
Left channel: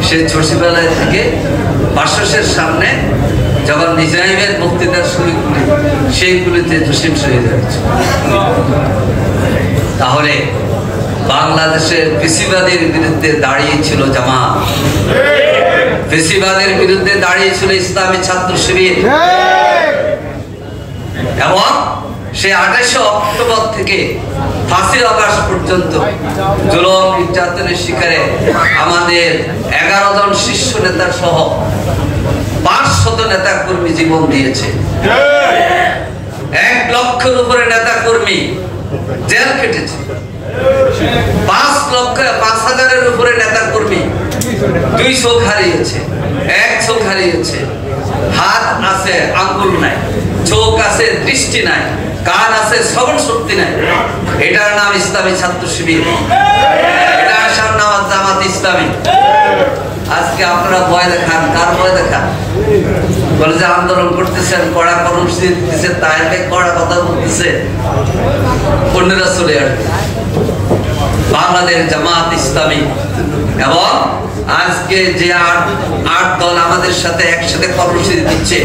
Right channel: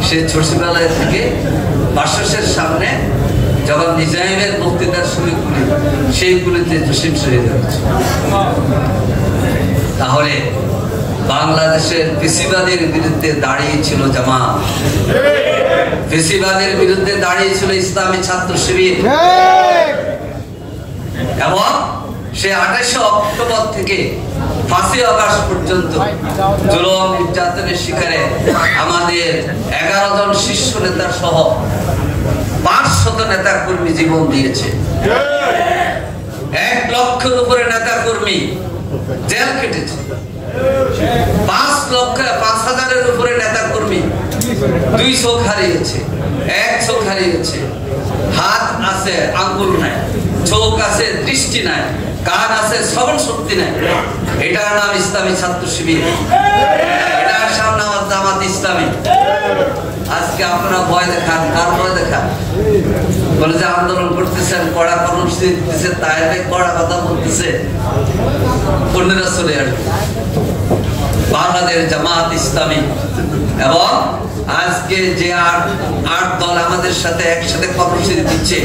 সে সচিবালয় থেকে বাসসের সামনে যখন নিজামের বক্তৃতার শুরু করি, সেইগুলিতে জসিম শহীদ হচ্ছে। তাহলে বাংলাদেশের ফেসিবাদের বিরুদ্ধে দাঁড়িয়েছিল জামাত, ফেসিবাদের বিরুদ্ধে দাঁড়িয়েছিল ইসলামী ছাত্র শিবির। এবং সে 28শে অক্টোবর থেকে 5 আগস্ট পর্যন্ত জুলুম নির্যাতনের শিকারে আমাদের 11 জন শীর্ষ নেতা সহ 500 নেতা কর্মী জীবন দিয়েছে। 1 লক্ষের উপরে নেতা কর্মী জেল কেটেছে। 5,000-এর উপরে নেতা কর্মী 2 চোখ হারিয়েছে, 1 চোখ হারিয়েছে। হাত আছে, আঙ্গুল নাই। চোখ আছে, দৃষ্টি নাই। কান আছে, শ্রবণ শক্তি নাই। এটার নাম ইসলামী ছাত্র শিবির, এটার নাম জামাত ইসলামী। আজকে আপনারা ভয় দেখান, কার ভয় দেখান? বলে যে আন্দোলন করতেছেন, কড়া কর্মসূচি দিতেছে, তাই কড়া কথা বলতেছে, অন্যরা চলে আসবে। বাংলাদেশ জামাত ইসলামী এবং আজকে যে 8 দল আমাদের সাথে একসাথে কর্মসূচি দিচ্ছে,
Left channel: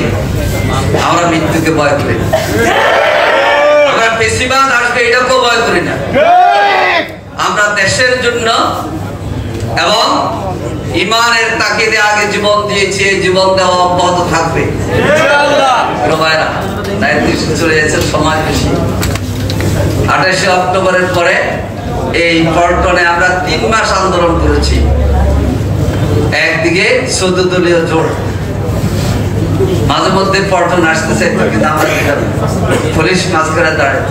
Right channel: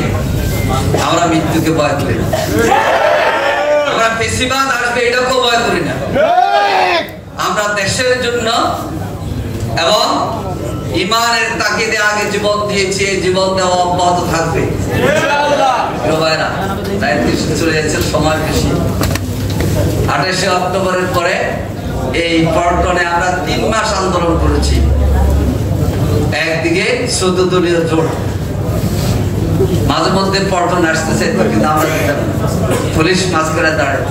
আমরা মৃত্যুকে ভয় করি না, আমরা ফেসিবাদ আসবে এটাকেও ভয় করি না। আমরা দেশের জন্য এবং ইমানের তাকিদে আগে জীবন দিয়েছি, জীবন দেওয়া অব্যাহত থাকবে। দায়িত্ব চলে যাচ্ছে, সময় বেশি। 28 অক্টোবরের পরে এই পল্টনে আমরা 3 মাস আন্দোলন করেছি। একদিকে 14 দলীয় জোট, মাঝে মধ্যে পল্টন আসতে চাইতো, কিন্তু আমরা পুলিশ মাঝখানে দাঁড়ায়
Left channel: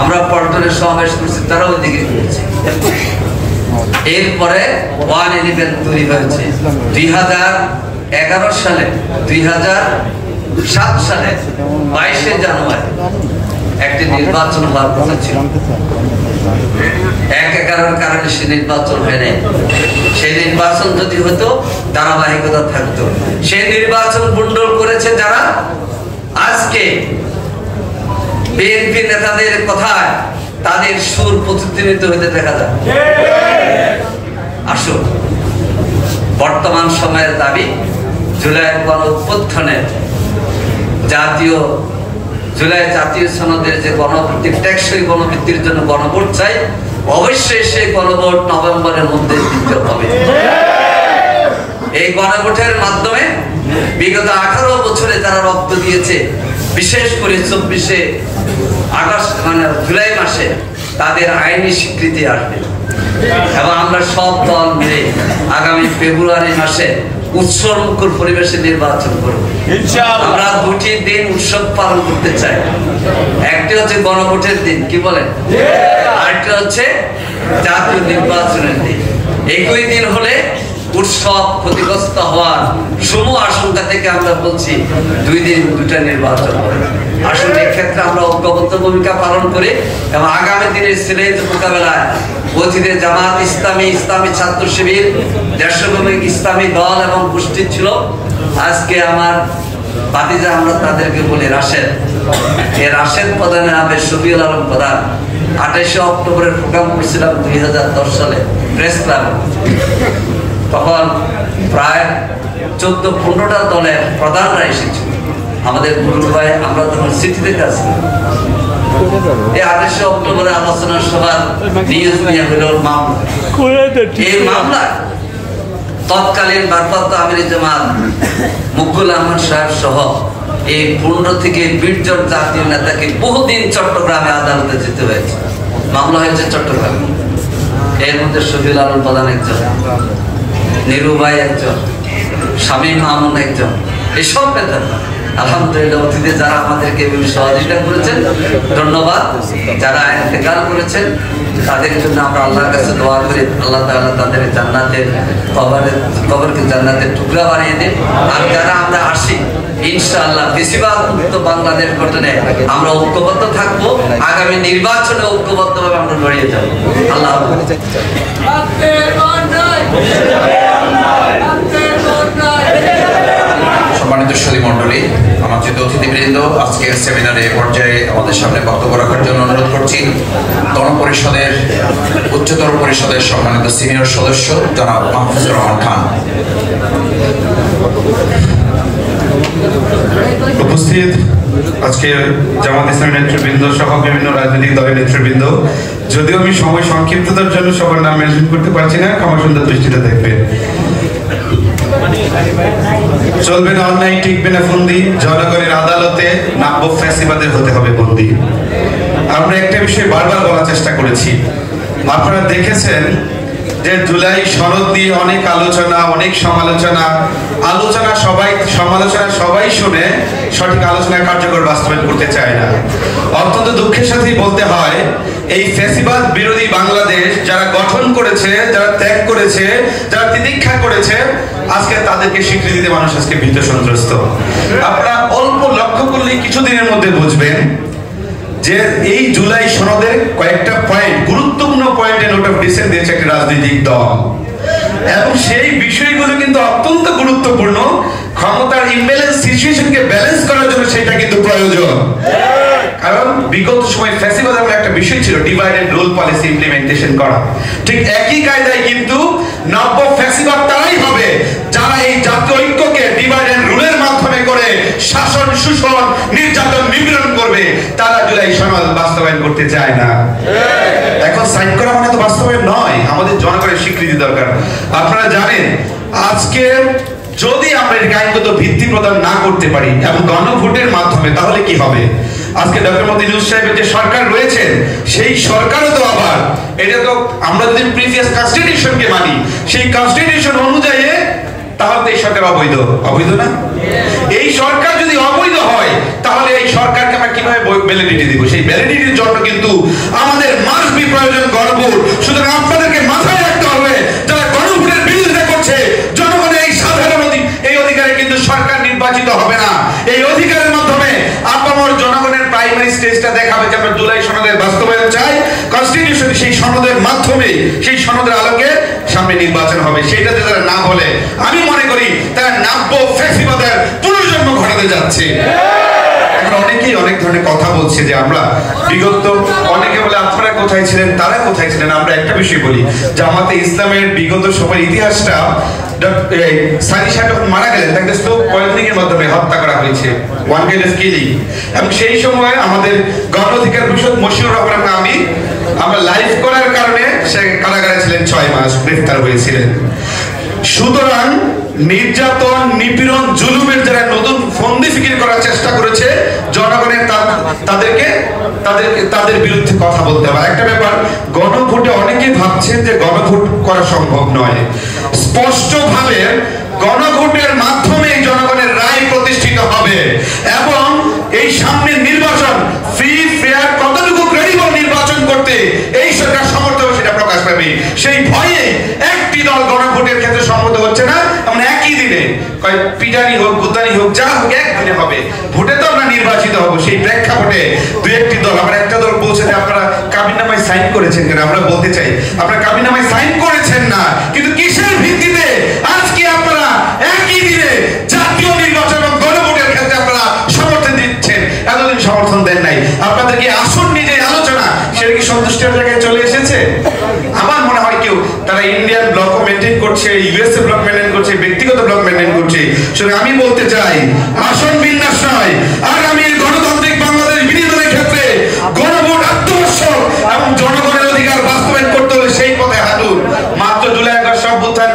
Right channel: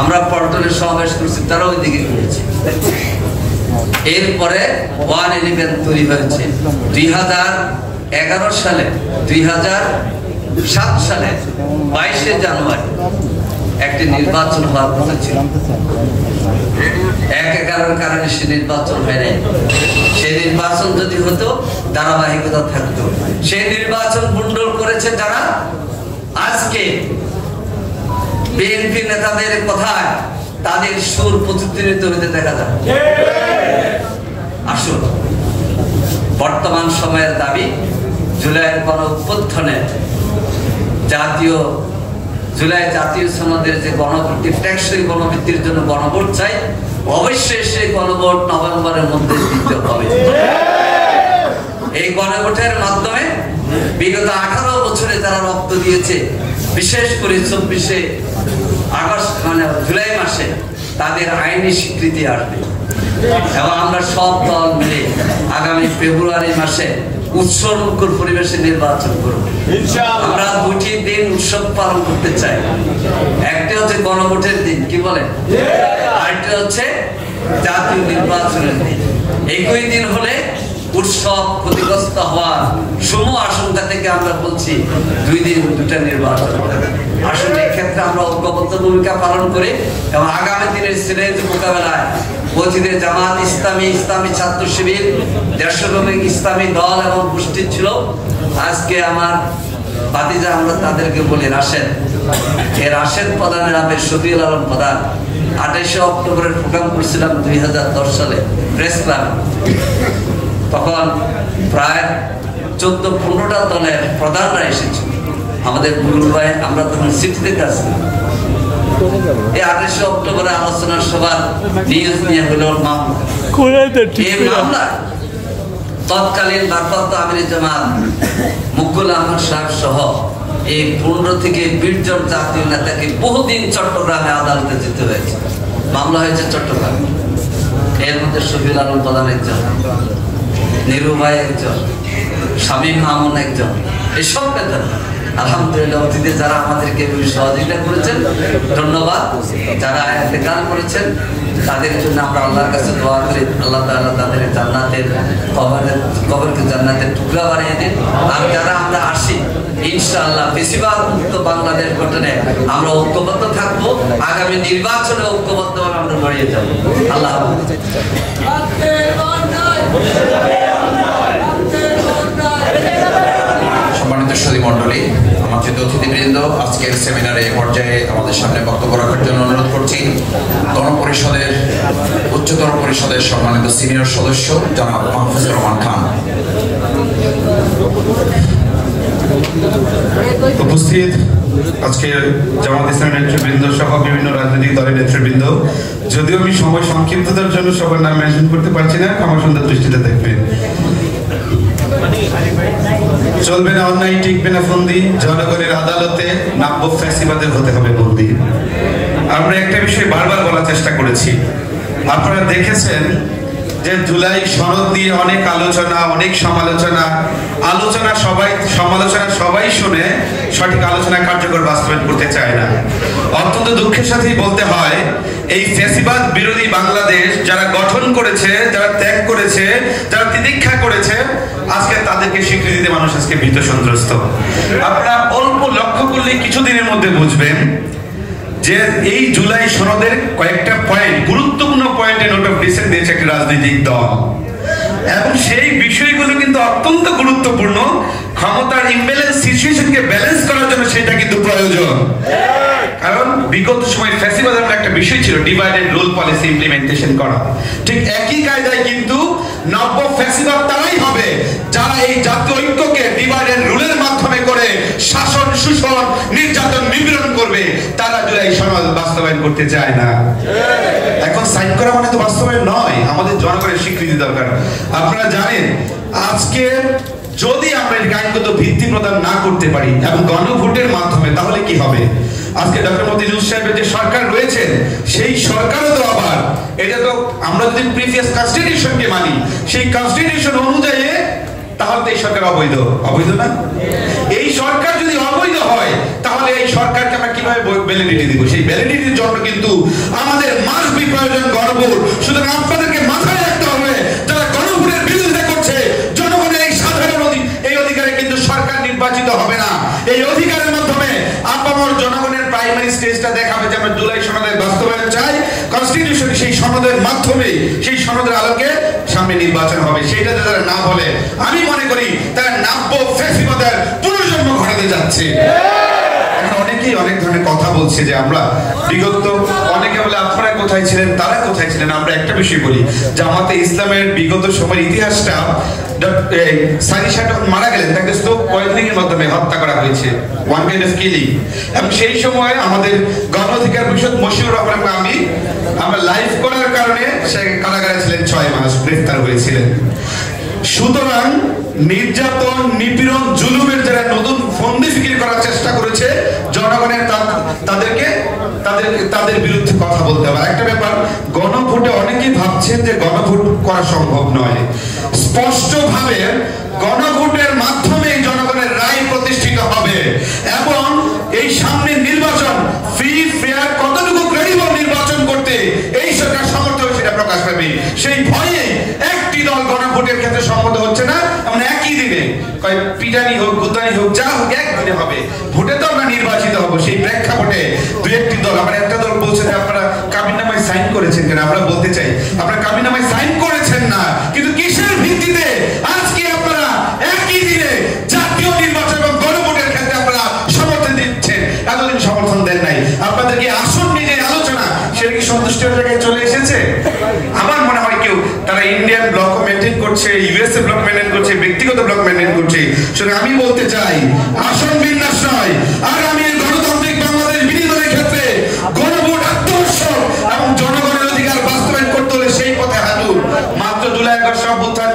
আমরা পল্টনের সমাবেশ করছি, তারা ওইদিকে গিয়েছে। এরপরে 111 তৈরি হয়েছে 2011 সালে। 2007 সালে 22শে জানুয়ারি একটি নির্বাচন হওয়ার কথা ছিল। 1/11 কারণে সে নির্বাচন হয় নাই। সেই নির্বাচন যদি হতো ধারাবাহিকতা থাকতো। সেই নির্বাচন বুন্ডল করেছে যারা, আজকে বিএনপি নেতাদের কথায় তাদের সুর প্রতিধ্বনিত হইতে দেখা যায়। আসুন, বর্তমান সময়ের দাবি জুলাই গণঅভ্যুত্থানের জুলাই জাতীয় সনদের যে গণভিত্তিক টেকসই গণভিত্তির জন্য গণভোট চাই, অবশ্যই সেই গণভোট নভেম্বরের মধ্যে দিতে হবে। এই গণভোটের মাধ্যমে বিগত 18 বছরে যারা রক্ত দিয়েছে, বিশেষ করে 24শে আগস্ট জুলাই মাসে তাদের আইনি স্বীকৃতি আসবে এবং আমরা সব দল মিলে আগামী ফেব্রুয়ারি মাসে উৎসবমুখর পরিবেশে নির্বাচন করব। আমরা 2টি দিন উৎসব পালন করতে চাই। একটি হচ্ছে গণভোটের দিন, কি বলেন, আরেকটি হচ্ছে জাতীয় নির্বাচনের দিন। একই দিন হলে উৎসব ক্ষতিগ্রস্ত হওয়ার সমূহ আশঙ্কা থেকে আমরা বলছি 2 দিন 2টা নির্বাচন। আসলে এক্ষেত্রে আমরা ঐক্যবদ্ধ ভূমিকা পালন করি এবং আগামী দিনের চ্যালেঞ্জ মোকাবেলায় অতীতে জামাত ইসলামী, ইসলামী ছাত্র শিবির, দেশপ্রেমিক ইসলামী দল এবং গোষ্ঠী ছিল। আজকে আমার ভাতিজা, আমরা তাদেরকে বলি রাশেদ। এই রাশেদ প্রধানের নামে শফিউল আলম প্রধান 28 অক্টোবরের প্রোগ্রাম করছিলাম 2010 সালে প্রেস ক্লাবে। তখন প্রায় 14-15টা দলের প্রধানরা এসেছিল আমাদের গুরু ভাই। আমরা তখন চিঠিতে কাছে এই 28 অক্টোবরে আলোচনা সভার নিউজ নিয়ে হইল মামলা। এই মামলা তৎকালীন ভারপ্রাপ্ত আমির জামাত মুকুল আহমদ সাহেব সহ এই 15 থেকে 20 জন জাতীয় নেতাকে বহুদিন চট্টগ্রামে আদালতে যেতে হয়েছে। মামলা হয়েছে চট্টগ্রামে। এর মধ্যে শফিউল আলম প্রধান একজন, নিরু ভাই একজন, শামীম মামুন একজন। এসব নেতা আলহামদুলিল্লাহ অতীতে যারা আমাদেরকে সহযোগিতা করেছেন, ধন্যবাদ। যারা ইন্তেকাল করেছেন তাদের জন্য আমরা আল্লাহর কাছে দোয়া করি, আল্লাহ তাআলা তাদের জান্নাতের কবরকে জান্নাতের টুকরা বানিয়ে দিন। আর যারা আমরা আসি, ইনশাআল্লাহ বেশিরভাগ মুক্ত বাংলাদেশ গঠনে আমরা ঐক্যবদ্ধ থাকবো। আগামী নির্বাচনে ঐক্যবদ্ধভাবে আমরা লড়িয়ে যাব। আল্লাহ সম্মানিত সুধী মণ্ডলী, আমাদের অতিথিবৃন্দ, আজকের সেমিনারে পর্যায়ে আমাদের সামনে বক্তব্য রাখার জন্য অনুরোধ করছি গণপরিষদের উচ্চতর পরিষদের সম্মানিত সিনিয়র সদস্য জনাব মাহফুজুর রহমান খান। উপস্থিত আজকের জামাত ইসলামী নেতৃবৃন্দ সহ বিভিন্ন রাজনৈতিক দলের নেতৃবৃন্দ, যদিও আমি সময় সংক্ষিপ্ততার জন্য সবার নাম মেনশন করতে পারছি না, ক্ষমা সুন্দর দৃষ্টিতে দেখবেন। চলবে না অন্যায়, টিকবে না ফন্দি, জনগণের আদালতে নাব্য ফ্যাসিবাদের হতে হবে বন্দী। আমরা একটা বিষয় বারবার বলার চেষ্টা করেছি। আপনারা দেখেছেন যে জুলাই সনদ দিয়ে অনেক আলোচনা, অনেক সমালোচনা, সমালোচনা সবাই শুনে সঠিক আলোচনা কার্যকর বাস্তবায়ন করতে চায় না। অত্যন্ত দুঃখের সাথেই বলতে হয়, এই ফ্যাসিবাদ বিরোধী বাংলাদেশ যারা গঠন করেছে, যারা ত্যাগ করেছে, যারা তিতিক্ষা করেছে, আজকে তাদেরকে স্বীকৃতি দিতে মানুষ আজকে ভীত সন্ত্রস্ত। আপনারা অল্প লক্ষ্য করলেই কিছুদিনের মধ্যে বুঝবেন যে এই জুলাই সনদের কয়েকটা পয়েন্ট, গুরুত্বপূর্ণ পয়েন্টে নোট অফ ডিসেন্ট দিয়েছে একটা রাজনৈতিক দল, এবং সেই বিষয়গুলো কিন্তু অত্যন্ত গুরুত্বপূর্ণ। ক্ষমতার ইমব্যালেন্স সিচুয়েশনকে ব্যালেন্স করার জন্য সেটা কিন্তু প্রয়োজন। কারণ বিগত সময় ফ্যাসিবাদ এমন একটা বিষয় ছিল, divide and rule policy implementation করা। ঠিক একই কায়দায় কিন্তু নব্য ফ্যাসিবাদ তারাই হবে যারা এই জাতীয় ঐক্যকে ডিভাইড এন্ড রুলের মাধ্যমে করে শাসন, শোষণ, নির্যাতন, নিপীড়ন করবে। তারা জুলাই সনদ বাস্তবায়ন করতে চায় না। এখন সাইন করা মানে তো বাস্তবায়ন নয়, আমাদের জনগণের স্বীকৃতি দরকার। আপনারা জানেন আজকে যদি আমরা এই আইনগত ভিত্তি প্রদান না করতে পারি এবং গণভোটের মাধ্যমে, তাহলে কি হবে? আজকে ডক্টর মোহাম্মদ ইউনূস সাহেবের যে সরকার রয়েছেন, সেই সরকারও তো আবার, এটা তো আমরা যদি প্রিভিয়াস কনস্টিটিউশনকে মানি, সেই কনস্টিটিউশন অনুযায়ী, তাহলে এই সরকার অবৈধ। অবৈধ না? এই সরকার যদি অবৈধ হয়, তাহলে এই সরকারকে আমরা কিভাবে ভ্যালিডিটি দিব? সেই ভ্যালিডিটির জন্য কিন্তু আমাদের মাস্ট বি প্রয়োজন গণভোট। সুতরাং আপনাদেরকে মাথায় রাখতে হবে, যারা গণভোটের বিরোধিতা করছে, জনগণের এই সাধারণ এই অধিকারে কিন্তু সরকার নির্বাচিত হবে না। এই অধিকারের মাধ্যমে আপামর জনগণের প্রাইমারি স্টেজটা দেখাবে যে আমরা জুলাই সনদের বাস্তবায়ন চাই। কনস্টিটিউশনে সেই সনদের মাধ্যমে, সেই সনদের আলোকে সামনে নির্বাচন হবে। সেইটাতে যারা না বলে, আমি মনে করি তারা নাব্য ফ্যাসিবাদের পুনর্জন্ম ঘটাতে যাচ্ছে। এখন অনেকেই অনেক ধরনের কথা বলছে যে আমরা বিগত, অনেকে বলে আপনারা কোথায় ছিলেন, তারা কোথায় ছিলেন। আমরা একটা বিষয় বলি, জামাতে ইসলামের বিগত সময়ের ইতিহাসটা, সানি সাহেব মারা গেলেন, তাকে স্ট্রোক পয়জনিংয়ের মাধ্যমে হত্যা করা হয়েছে, ওয়ান কাইন্ড অফ কিলিং। এবং সেই সময় আমাদের গণ অধিকার পরিষদ মশিউর রহমান আমরা লাইভ করার কারণে সে কারাগারে ছিলেন 6 মাস, গ্রেফতার হয়েছিলেন। সুতরাং নির্যাতন, নিপীড়ন, জুলুমের যারা নতুন ফন্দি ফিকির করার চেষ্টা করেছে, জনগণের তাদের বিরুদ্ধে কথা বলতে হবে। একটা ব্যাপার, গণভোটে অনেকেই ভাবছেন যে গণভোট করা সম্ভব নয়। স্পষ্টভাবে গণভোটের মাধ্যমে জনগণের রায় প্রতিষ্ঠিত হবে এবং এই সামনের নির্বাচন ফ্রি, ফেয়ার, কতটুকু ক্রেডিবল নির্বাচন করতে এই সরকার সমর্থ হবে সেটা প্রকাশ পাবে। সেই ভয়ে একটি দল গণভোটের ক্ষেত্রে সম্মত হচ্ছে না। আমরা একই দিনে পিটানি হোক, গুতানি হোক, যা হোক, একদিনে হবে। ভোটে তো আমরা নির্বাচিত হবো। সেই প্রেক্ষাপটে দু একটি দল, আমরা একটা দল বলছে যে আপনারা কাবিননামায় সাইন করেছেন কেন? আমরা বলতে চাই, আপনারা কাবিননামায় সাইন করেছেন না, কিন্তু কিসের ভিত্তিতে আজকে আপনারা একই দিনে জাতীয় নির্বাচন এবং গণভোটের ক্ষেত্রে আপনারা সমর্থন দিচ্ছেন? এতদিন সমর্থন দেন নাই। আপনাদের কি আসন নিয়ে আলোচনা, সেটা কি সন্তুষ্টের জায়গায় চলে এসেছে? আমার মনে হয় কেউ তারা ইন্ডিয়ান ব্লক মেনটেন করছে, ইউএসএ ব্লক মেনটেন করছে, ব্যক্তিগত ব্লক মেনটেন করছে। শুধু আমি বলতে চাই, আসন বিন্যাস নয়, আগামীর গণতান্ত্রিক বাংলাদেশ বিনির্মাণের ক্ষেত্রে গণভোট আত্মবশ্যক এবং জনগণের অধিকার বাস্তবায়ন করতে হলে সেই পথে হাঁটুন। মাত্র জুলাই আগস্ট অভ্যুত্থান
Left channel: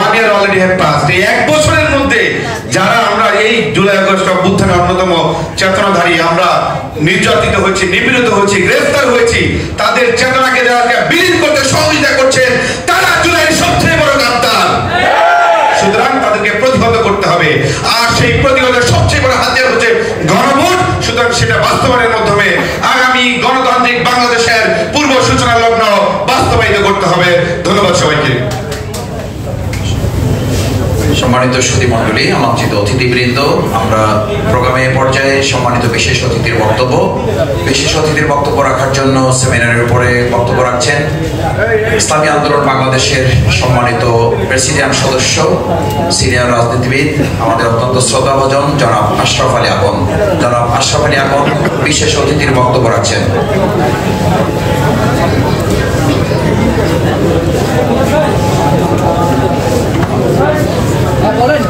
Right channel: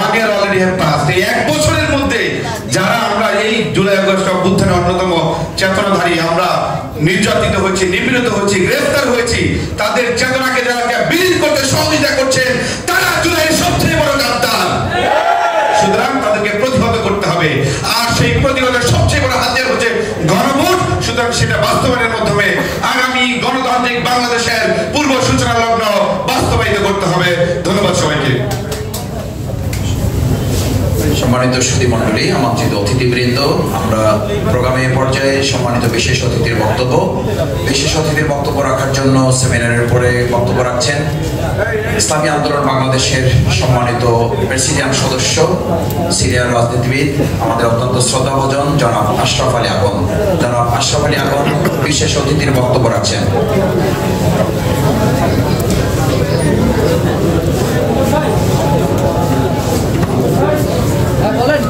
1 year already have passed। এই 1 বছরের মধ্যে যারা আমরা এই জুলাই আগস্ট অভ্যুত্থানের অন্যতম চেতনাধারী, আমরা নির্যাতিত হয়েছি, নিপীড়িত হয়েছি, গ্রেফতার হয়েছি, তাদের চেতনাকে যারা বিলীন করতে সহযোগিতা করছেন, তারা জুলাইয়ের সবচেয়ে বড় গাদ্দার। সুতরাং তাদেরকে প্রতিহত করতে হবে। আর সেই প্রতিহতের সবচেয়ে বড় হাতিয়ার হচ্ছে গণভোট। সুতরাং সেটা বাস্তবায়নের মাধ্যমে আগামী গণতান্ত্রিক বাংলাদেশের পূর্ব সূচনা লগ্ন বাস্তবায়িত করতে হবে। ধন্যবাদ সবাইকে। সম্মানিত সুধী মণ্ডলী, আমন্ত্রিত অতিথিবৃন্দ, আমরা প্রোগ্রামের পর্যায়ে সম্মানিত বিশেষ অতিথির বক্তব্য রাখার জন্য সেমিনারের উপরে বক্তব্য রাখছেন ইসলামী আন্দোলন বাংলাদেশের সম্মানিত প্রেসিডিয়াম সদস্য, সিনিয়র রাজনীতিবিদ, আমাদের অত্যন্ত শ্রদ্ধাভাজন জনাব আশরাফ আলী আকন। জনাব আশরাফ আলী আকন বিশেষ অতিথির বক্তব্য রাখছেন।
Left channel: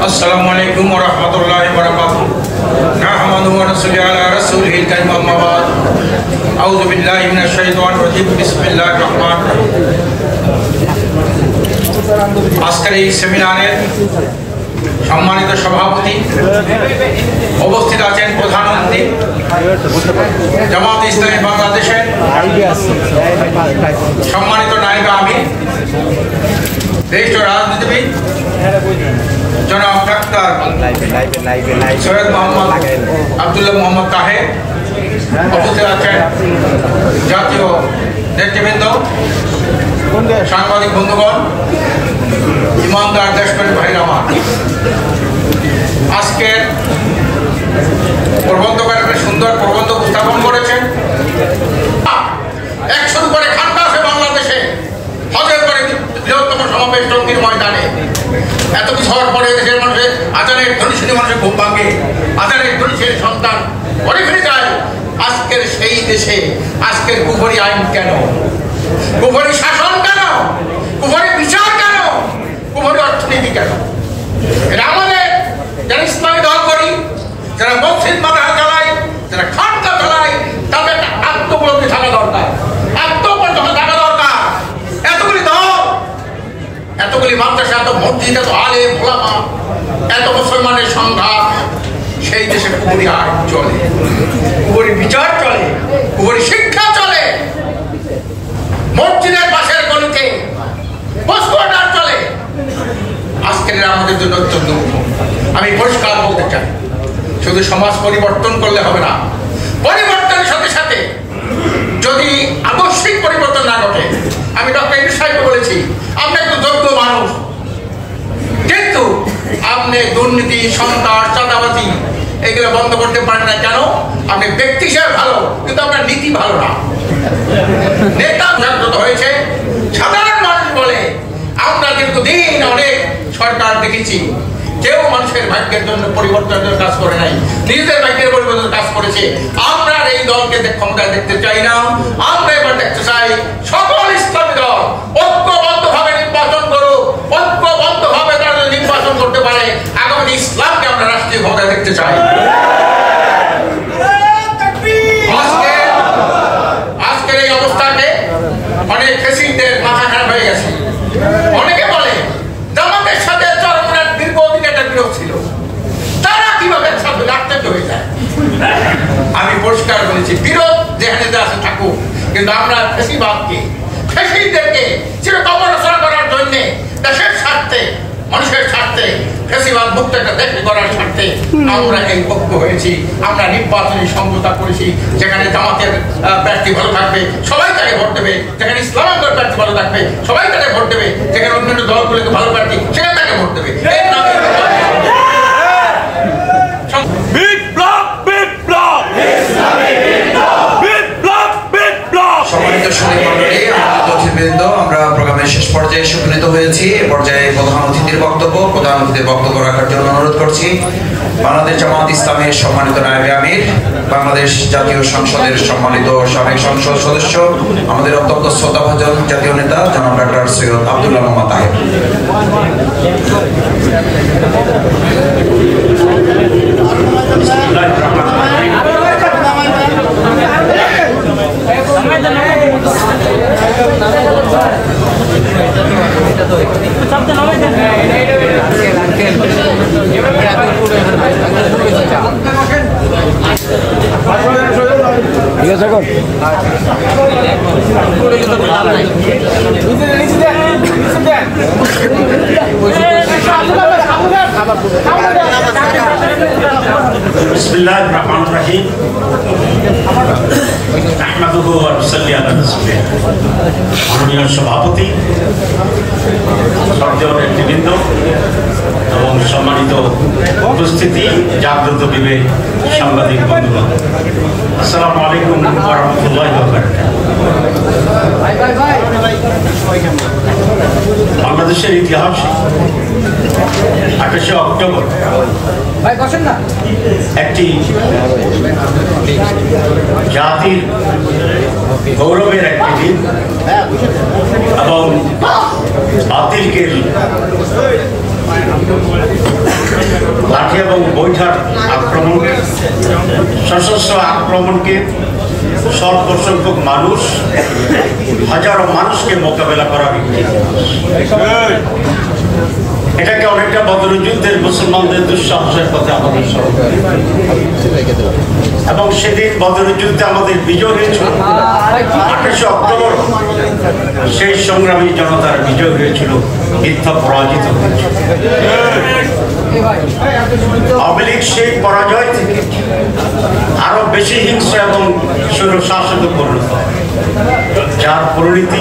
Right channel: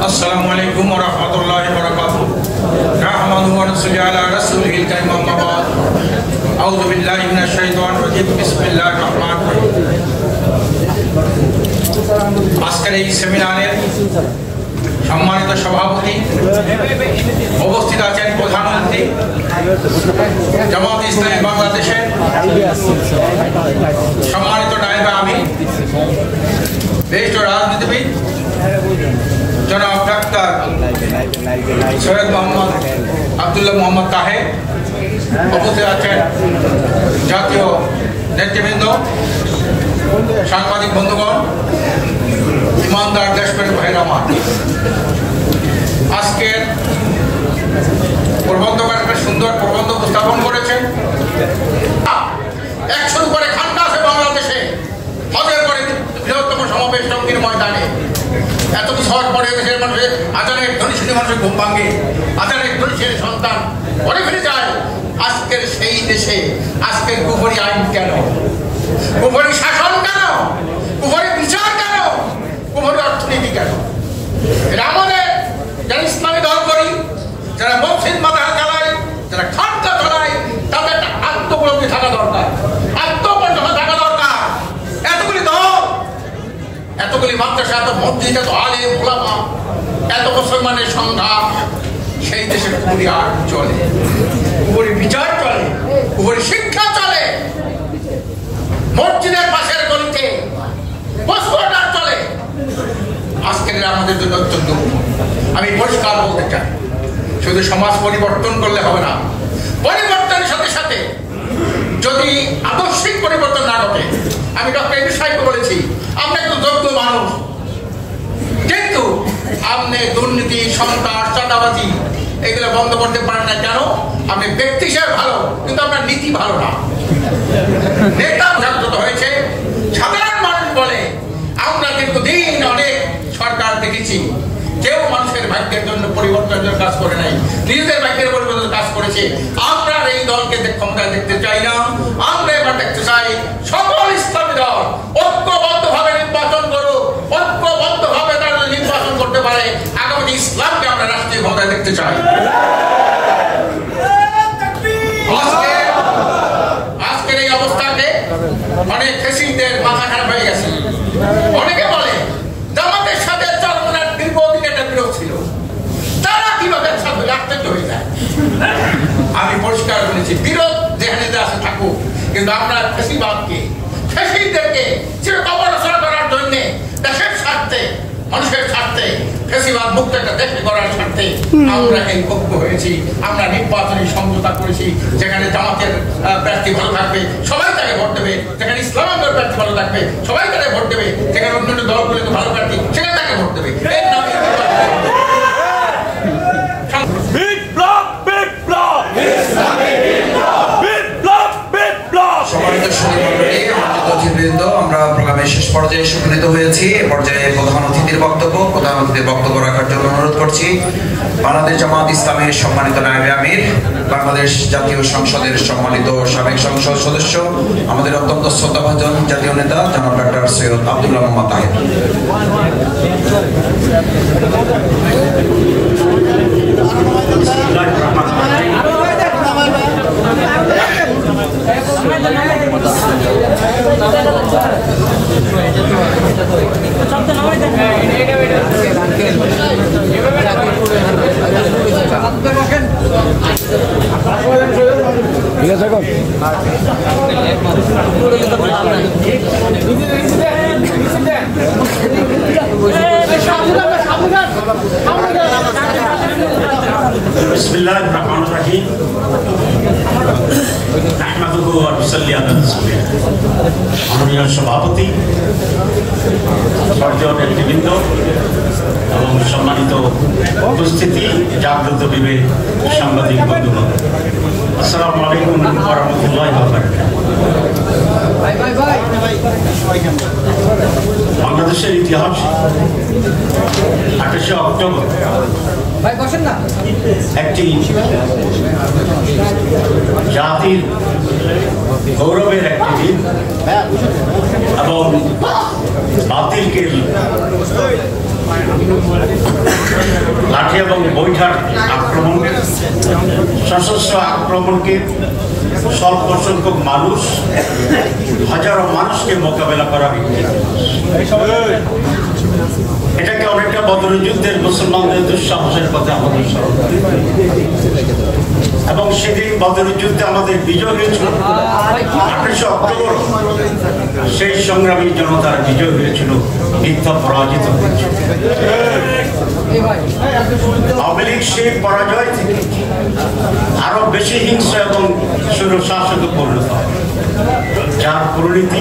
আসসালামু আলাইকুম ওয়া রাহমাতুল্লাহি ওয়া বারাকাতুহু। নাহমাদুহু ওয়া নুসাল্লি আলা রাসূলিহিল কারীম, আম্মা বা'দ। আউযু বিল্লাহি মিনাশ শাইতানির রাজীম। বিসমিল্লাহির রহমানির রহিম। আজকের এই সেমিনারের সম্মানিত সভাপতি, উপস্থিত আছেন প্রধানমন্ত্রী, জামাতে ইসলামী বাংলাদেশের সম্মানিত নায়েবে আমির, জ্যেষ্ঠ রাজনীতিবিদ জনাব ডাক্তার সৈয়দ মোহাম্মদ আব্দুল্লাহ মোহাম্মদ তাহের, উপস্থিত আছেন জাতীয় নেতৃবৃন্দ, সাংবাদিক বন্ধুগণ, ইমানদার দেশপ্রেমী ভাইরা আমার। আজকে প্রবন্ধকার একটা সুন্দর প্রবন্ধ উপস্থাপন করেছেন। 100 উপরে খান্ডা আছে বাংলাদেশে, হজের পরে বৃহত্তম সমাবেশ টঙ্গীর ময়দানে। এত কিছু হওয়ার পরে দেশের মানুষের আজানের ধ্বনি শুনে মানুষের ঘুম ভাঙে, আজানের ধ্বনি ছেড়ে সন্তান ঘরে ফিরে যায়। আজকের সেই দেশে আজকের কুফরি আইন কেন, কুফরি শাসন কেন, কুফরি বিচার কেন, কুফরি অর্থনীতি কেন? এটা আমাদের যারা ইসলামী দল করি, যারা মসজিদ মাদ্রাসা চালাই, যারা খানকা চালাই, তাদের একটা আত্মপলব্ধি থাকা দরকার, আত্মপর্যন্ত থাকা মাদ্রাসা, এত মসজিদ, এত আলেম ওলামা, এত মুসলমানের সংঘাত, সেই দেশে কুপুরি আইন চলে, কুপুরি বিচার চলে, কুপুরি শিক্ষা চলে, মসজিদের পাশের গলিতে পোস্টার চলে। আজকের আমাদের জন্য অত্যন্ত দুঃখ। আমি পরিষ্কার বলতে চাই, শুধু সমাজ পরিবর্তন করলে হবে না, পরিবর্তনের সাথে সাথে যদি আদর্শিক পরিবর্তন না ঘটে, আমি ডক্টর ইউনূস সাহেবকে বলেছি, আমরা একটু যোগ্য মানুষ, কিন্তু আপনি দুর্নীতি, সন্ত্রাস, চাঁদাবাজি এগুলো বন্ধ করতে পারেন না। কেন? আপনি ব্যক্তি হিসেবে ভালো, কিন্তু আপনার নীতি ভালো না। নেতা জাগ্রত হয়েছে, সাধারণ মানুষ বলে আমরা দীর্ঘদিন অনেক সরকার দেখেছি, কেউ মানুষের ভাগ্যের জন্য পরিবর্তনের কাজ করে নাই, নিজেদের ভাগ্যের পরিবর্তনের কাজ করেছে। আমরা এই দলকে ক্ষমতায় দেখতে চাই না, আমরা এবার দেখতে চাই সকল ইসলামী দল ঐক্যবদ্ধভাবে নির্বাচন করুক, ঐক্যবদ্ধভাবে তারা যদি নির্বাচন করতে পারে, আগামী ইসলামকে আমরা রাষ্ট্রীয় ক্ষমতায় দেখতে চাই। আজকের এই অবস্থাকে অনেক ফেসিলিটির মাথা খারাপ হয়ে গেছে। অনেকে বলে জামাতের সাথে চরমনার দীর্ঘদিন একটা বিরোধ ছিল, তারা কিভাবে সাথে আশ্চর্য হয়ে যায়। আমি পরিষ্কার বলেছি, বিরোধ যেখানে আছে থাকুক, কিন্তু আমরা ফেসিবাদকে, ফেসিদেরকে চিরকবরচনা করার জন্য দেশের স্বার্থে, মানুষের স্বার্থে, ফেসিবাদ মুক্ত একটা দেশ করার স্বার্থে আমরা এই ঐক্য হয়েছি। আমরা নির্বাচনী সমঝোতা করেছি, যেখানে জামাতের প্রার্থী ভালো থাকবে সবাই তাকে ভোট দেবে, যেখানে ইসলামের প্রার্থী ভালো থাকবে সবাই তাকে ভোট দেবে, যেখানে অন্যান্য দলগুলোকে ভালো প্রার্থী সেখানে তাকে ভোট দেবে। এর নামে সম্মানিত সুধীমণ্ডলী, আমাদের অতিথিবৃন্দ, আমরা প্রোগ্রামের শেষ পর্যায়ে উপনীত হয়েছি। এ পর্যায়ে প্রধান অতিথির বক্তব্য রাখার জন্য অনুরোধ করছি বাংলাদেশ জামাত ইসলামের সম্মানিত নায়েবে আমির, বাংলাদেশ জাতীয় সংসদের সম্মানিত সাবেক সংসদ সদস্য, আমাদের অত্যন্ত শ্রদ্ধাভাজন জাতীয় নেতা জনাব ডক্টর সৈয়দ আব্দুল্লাহ মোহাম্মদ তাহের। ঠিক আছে এখন বিসমিল্লাহির রহমানির রহিম আহমাদুহু ওয়া নুসাল্লি আলা রাসূলিহি। মাননীয় সভাপতি, শ্রদ্ধেয় নেতৃবৃন্দ এবং সম্মানিত উপস্থিতি, জাগ্রত বিবেক সাংবাদিক বন্ধুগণ, আসসালামু আলাইকুম ওয়া রাহমাতুল্লাহি ওয়া বারাকাতুহু। বাংলাদেশের ইতিহাসে 28 অক্টোবর একটি জাতির গৌরবের একটি দিন এবং বাতিলকে লাঠি এবং বৈঠার আক্রমণ, সশস্ত্র আক্রমণকে স্বল্প সংখ্যক মানুষ, হাজারো মানুষকে মোকাবেলা করার এটাকে অনেকটা বদরের যুদ্ধের মুসলমানদের দুঃসাহসের কথা আমাদের স্মরণ, এবং সেদিন বদরের যুদ্ধে আমাদের বিজয় হয়েছিল। 28 অক্টোবর সেই সংগ্রামী জনতার বিজয় হয়েছিল, মিথ্যা পরাজিত হয়েছিল। আওয়ামী লীগ সেই পরাজয় থেকে আরো বেশি হিংস্র এবং স্বৈরশাসকে পরিণত হয়, যার পরিণতি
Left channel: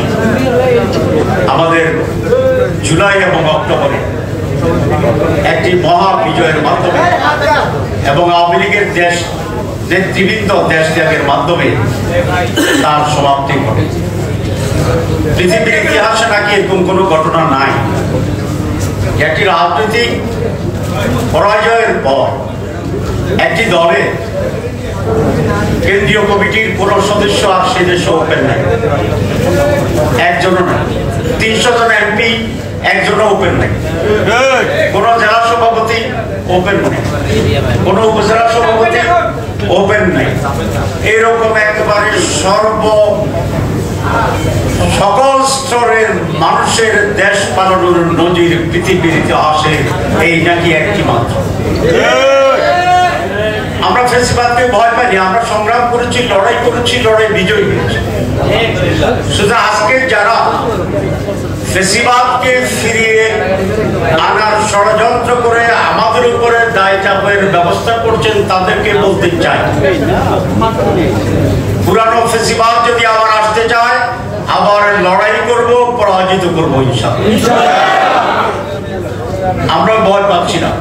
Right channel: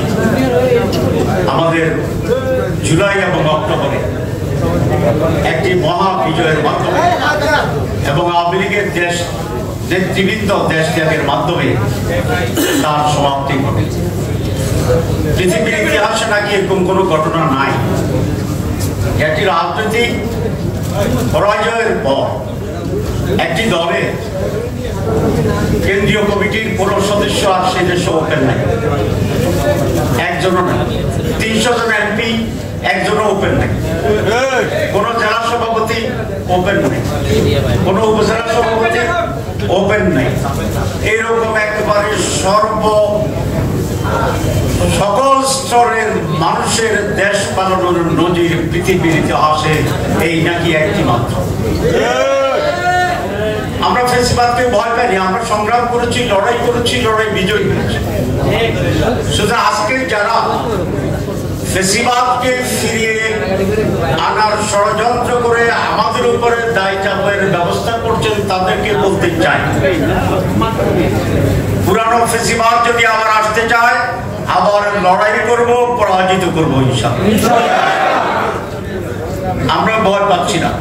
আমাদের জুলাই এবং অক্টোবরে একটি মহা বিজয়ের মাধ্যমে এবং আওয়ামী লীগের দেশ নেতৃবৃন্দ দেশ ত্যাগের মাধ্যমে তার সমাপ্তি ঘটে। পৃথিবীর ইতিহাসে নাকি এরকম কোনো ঘটনা নাই, একটি রাজনৈতিক পরাজয়ের পর একটি দলে কেন্দ্রীয় কমিটির কোনো সদস্য আর সে দেশে ওপেন নাই, একজনও নাই। 300 জন এমপি, একজনও ওপেন নাই। কোন জেলা সভাপতি ওপেন নাই, কোন উপজেলা সভাপতি ওপেন নাই। এইরকম একেবারে সকল স্তরের মানুষের দেশ পালনের নজির পৃথিবীর ইতিহাসে এই নাকি একটি মাত্র। আমরা ফেসিবাদকে ভয় পাইনি, আমরা সংগ্রাম করেছি, লড়াই করেছি, লড়াই বিজয়ী হয়েছি। শুধু আজকে যারা ফেসিবাদকে ফিরিয়ে আনার ষড়যন্ত্র করে আমাদের উপরে দায় চাপের ব্যবস্থা করছেন তাদেরকে বলতে চাই, পুরানো ফেসিবাদ যদি আবার আসতে চায় আবার লড়াই করব, পরাজিত করবো ইনশাআল্লাহ। আমরা ভয় পাচ্ছি না।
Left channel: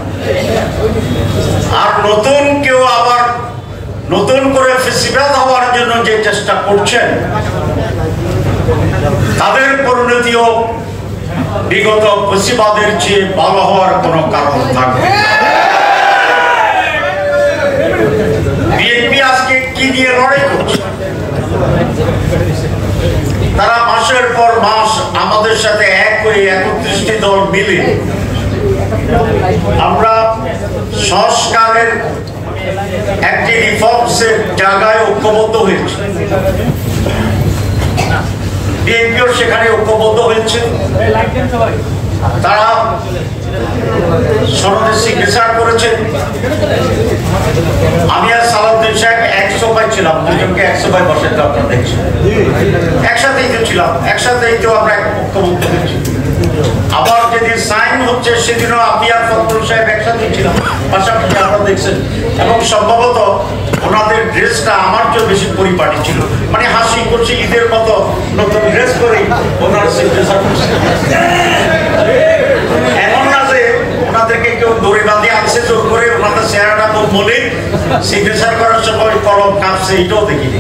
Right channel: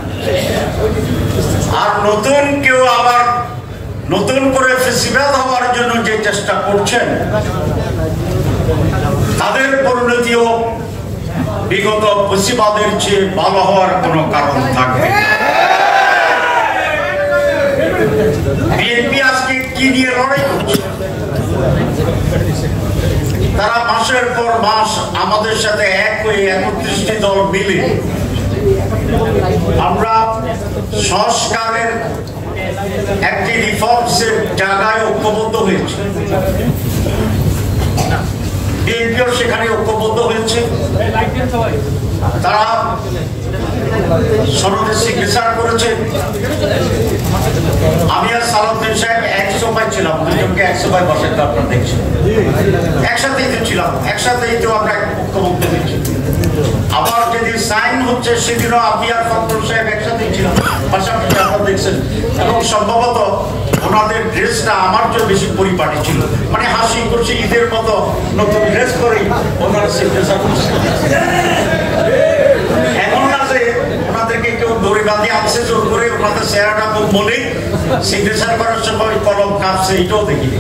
আর নতুন কেউ আবার নতুন করে ফেসিবাদ হওয়ার জন্য যে চেষ্টা করছেন তাদের পরিণতিও বিগত ফেসিবাদের চেয়ে ভালো হওয়ার কোনো কারণ থাকবে না। বিএনপি আজকে কি দিয়ে লড়াই করছে? তারা মাসের পর মাস আমাদের সাথে এক হয়ে 31টি দল মিলে আমরা সংস্কারের একটি রিফর্মসের জায়গায় ঐক্যবদ্ধ হয়েছে। বিএনপিও সেখানে ঐক্যবদ্ধ হয়েছে। তারা সনদে সিগনেচার করেছে। আমি আর সালাউদ্দিন সাহেব 100 ছিলাম, দুজনকে 100 বসাইতে আপনারা দেখছেন, একসাথেই তো ছিলাম, একসাথেই তো আমরা ঐক্যবদ্ধ হয়েছি। আবার যেদিন সাইন হচ্ছে সেদিনও আমি আর ফখরুল সাহেব একসাথেই ছিলাম, পাশাপাশি আপনারা দেখছেন। এবং সম্ভবত ওনাদের ড্রেসটা আমার চেয়ে বেশি পরিপাটি ছিল, মানে হাসি করছে ঈদের মতো নতুন ড্রেস করেই ওনারা সিগনেচার করছে। এমন না যে ওনাদেরকে কেউ দড়ি বাঁধে আনছে জোর করে, ওনাদের চেহারাটা খুব মনে সিগনেচার করার সময় কলম কাঁপছে, এটাও দেখিনি।